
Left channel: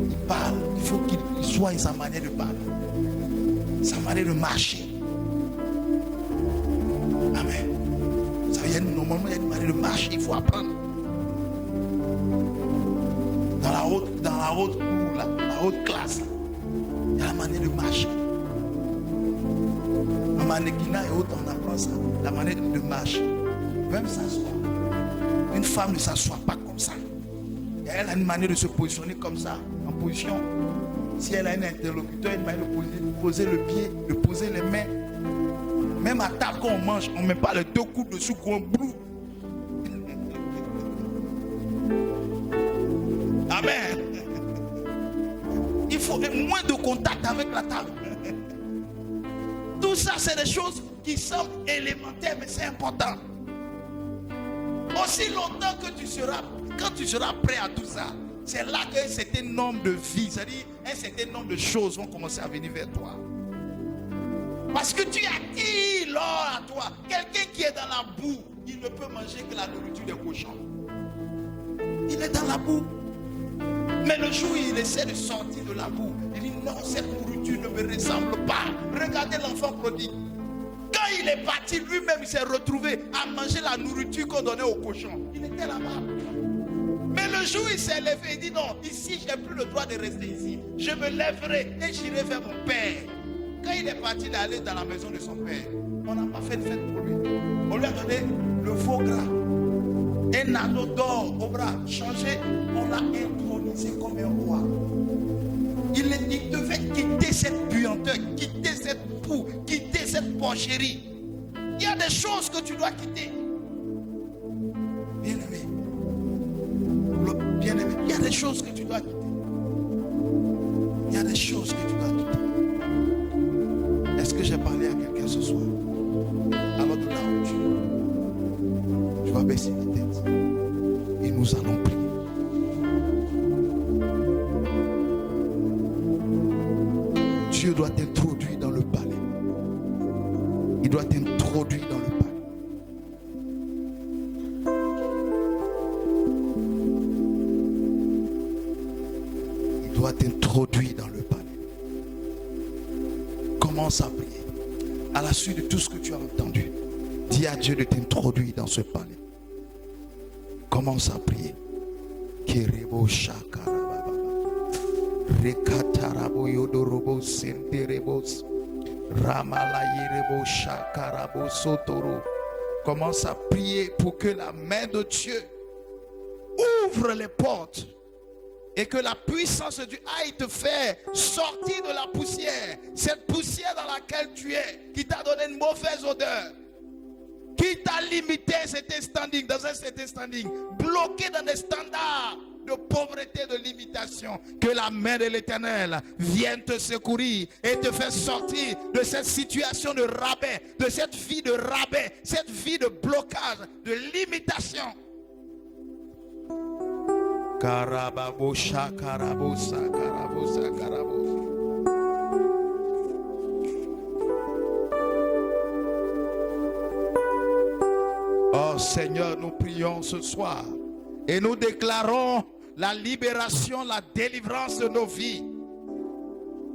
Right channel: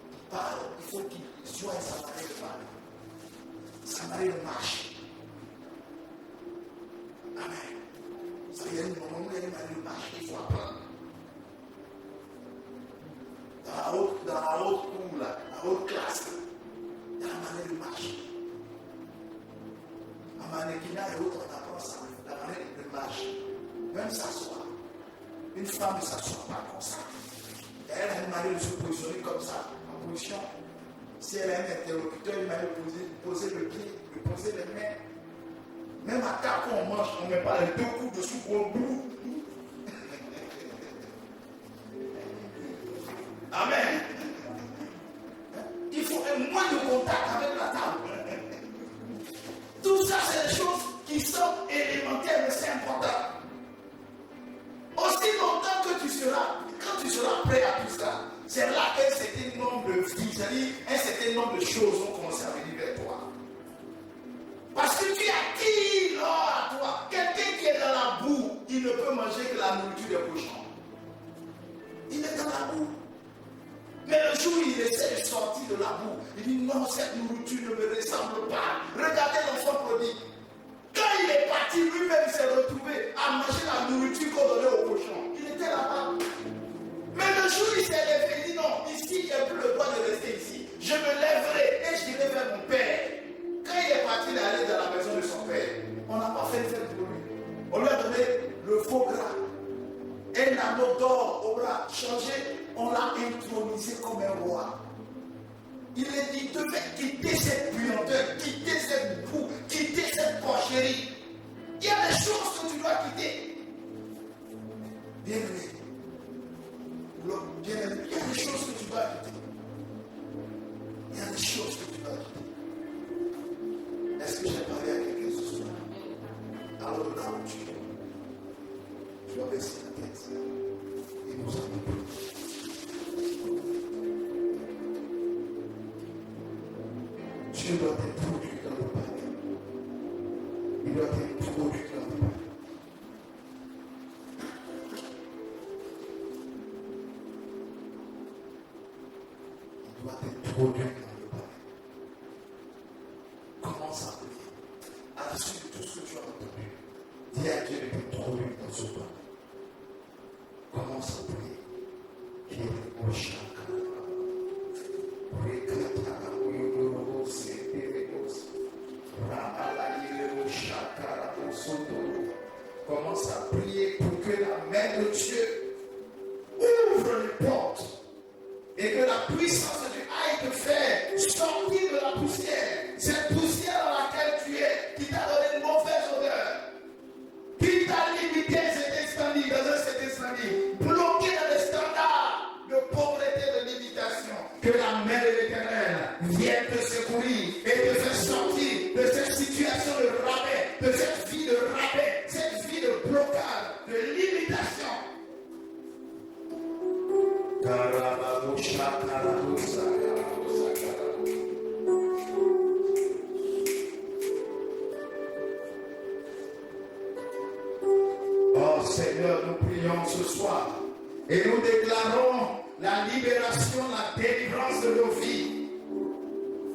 Il parle. Il faut qu'il soit sa manière de parler. Sa manière de marcher. Amen. Ça veut dire normalement il y a une manière de marcher. Il faut apprendre. Dans la haute cour, la haute classe. Il y a la manière de marcher. Un mannequinat et autres, on apprend ça. La manière de marcher. Même s'asseoir. Une femme ne s'assoit pas comme ça. Elle a une manière de se positionner comme ça, en position. Si elle a un interlocuteur, une manière de poser le pied, de poser les mains. Même à table quand on mange, on ne met pas les deux coups dessus qu'on boue. Amen. Il faut moins de contact avec la table. Tout ça, c'est des choses qui sont élémentaires, mais c'est important. Aussi longtemps que tu seras, quand tu seras prêt à tout ça, c'est là qu'un certain nombre de vies, c'est-à-dire un certain nombre de choses vont commencer à venir vers toi. Parce que tu attires l'or à toi. Quelqu'un qui est dans la boue, il ne peut manger que la nourriture des cochons. Il est dans la boue. Mais le jour où il essaie de sortir de la boue, il dit non, cette nourriture ne me ressemble pas. Regardez l'enfant prodigue. Quand il est parti, lui-même il s'est retrouvé à manger la nourriture qu'on donnait aux cochons. Il était là-bas. Mais le jour où il s'est levé, il dit non, ici, il n'y a plus le droit de rester ici. Je me lèverai et j'irai vers mon père. Quand il est parti, il est allé dans la maison de son père. On n'a pas fait de fête pour lui. On lui a donné le faux gras. Un anneau d'or au bras changé. On l'a intronisé comme un roi. Il devait quitter cette puanteur, quitter cette boue, quitter cette porcherie. Il y a des choses que tu dois quitter. Bien-aimé. Bien-aimé. Il y a des choses que tu dois quitter. Il y a des choses que tu dois quitter. Est-ce que j'ai parlé à quelqu'un ce soir? Alors de là où tu vas baisser ta tête et nous allons prier. Dieu doit t'introduire dans le palais. Il doit t'introduire dans le palais. Il doit t'introduire dans le palais. Commence à prier. À la suite de tout ce que tu as entendu, dis à Dieu de t'introduire dans ce palais. Commence à prier. Kerebo shakarababa. Rekatarabo yodorobo senterebos. Ramalayirebo shakarabo sotoro. Commence à prier pour que la main de Dieu ouvre les portes et que la puissance de Dieu aille te faire sortir de la poussière. Cette poussière dans laquelle tu es, qui t'a donné vient te secourir et te faire sortir de cette situation de rabais, de cette vie de rabais, cette vie de blocage, de limitation. Karababosha, karabosa, karabosa, karabosa. Oh Seigneur, nous prions ce soir et nous déclarons la libération, la délivrance de nos vies.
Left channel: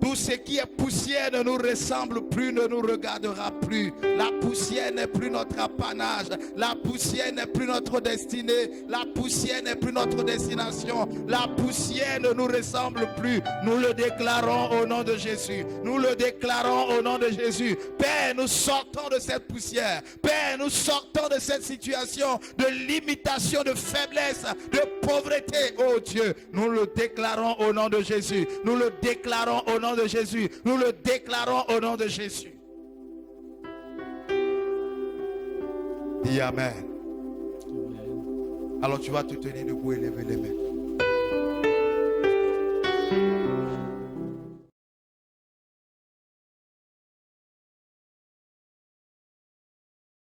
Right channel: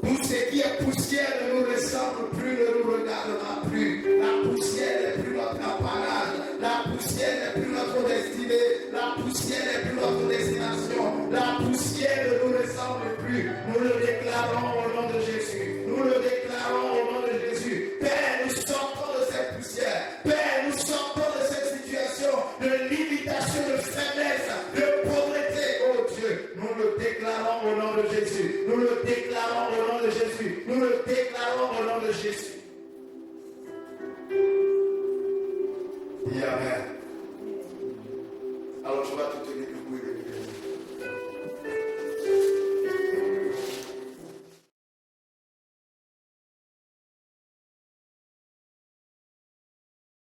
Tout ce qui est poussière ne nous ressemble plus, ne nous regardera plus. La poussière n'est plus notre apanage. La poussière n'est plus notre destinée. La poussière n'est plus notre destination. La poussière ne nous ressemble plus. Nous le déclarons au nom de Jésus. Nous le déclarons au nom de Jésus. Père, nous sortons de cette poussière. Père, nous sortons de cette situation de limitation, de faiblesse, de pauvreté. Oh Dieu, nous le déclarons au nom de Jésus. Nous le déclarons au nom de Jésus. Nous le déclarons au nom de Jésus. Dis Amen. Alors tu vas te tenir debout et lever les mains.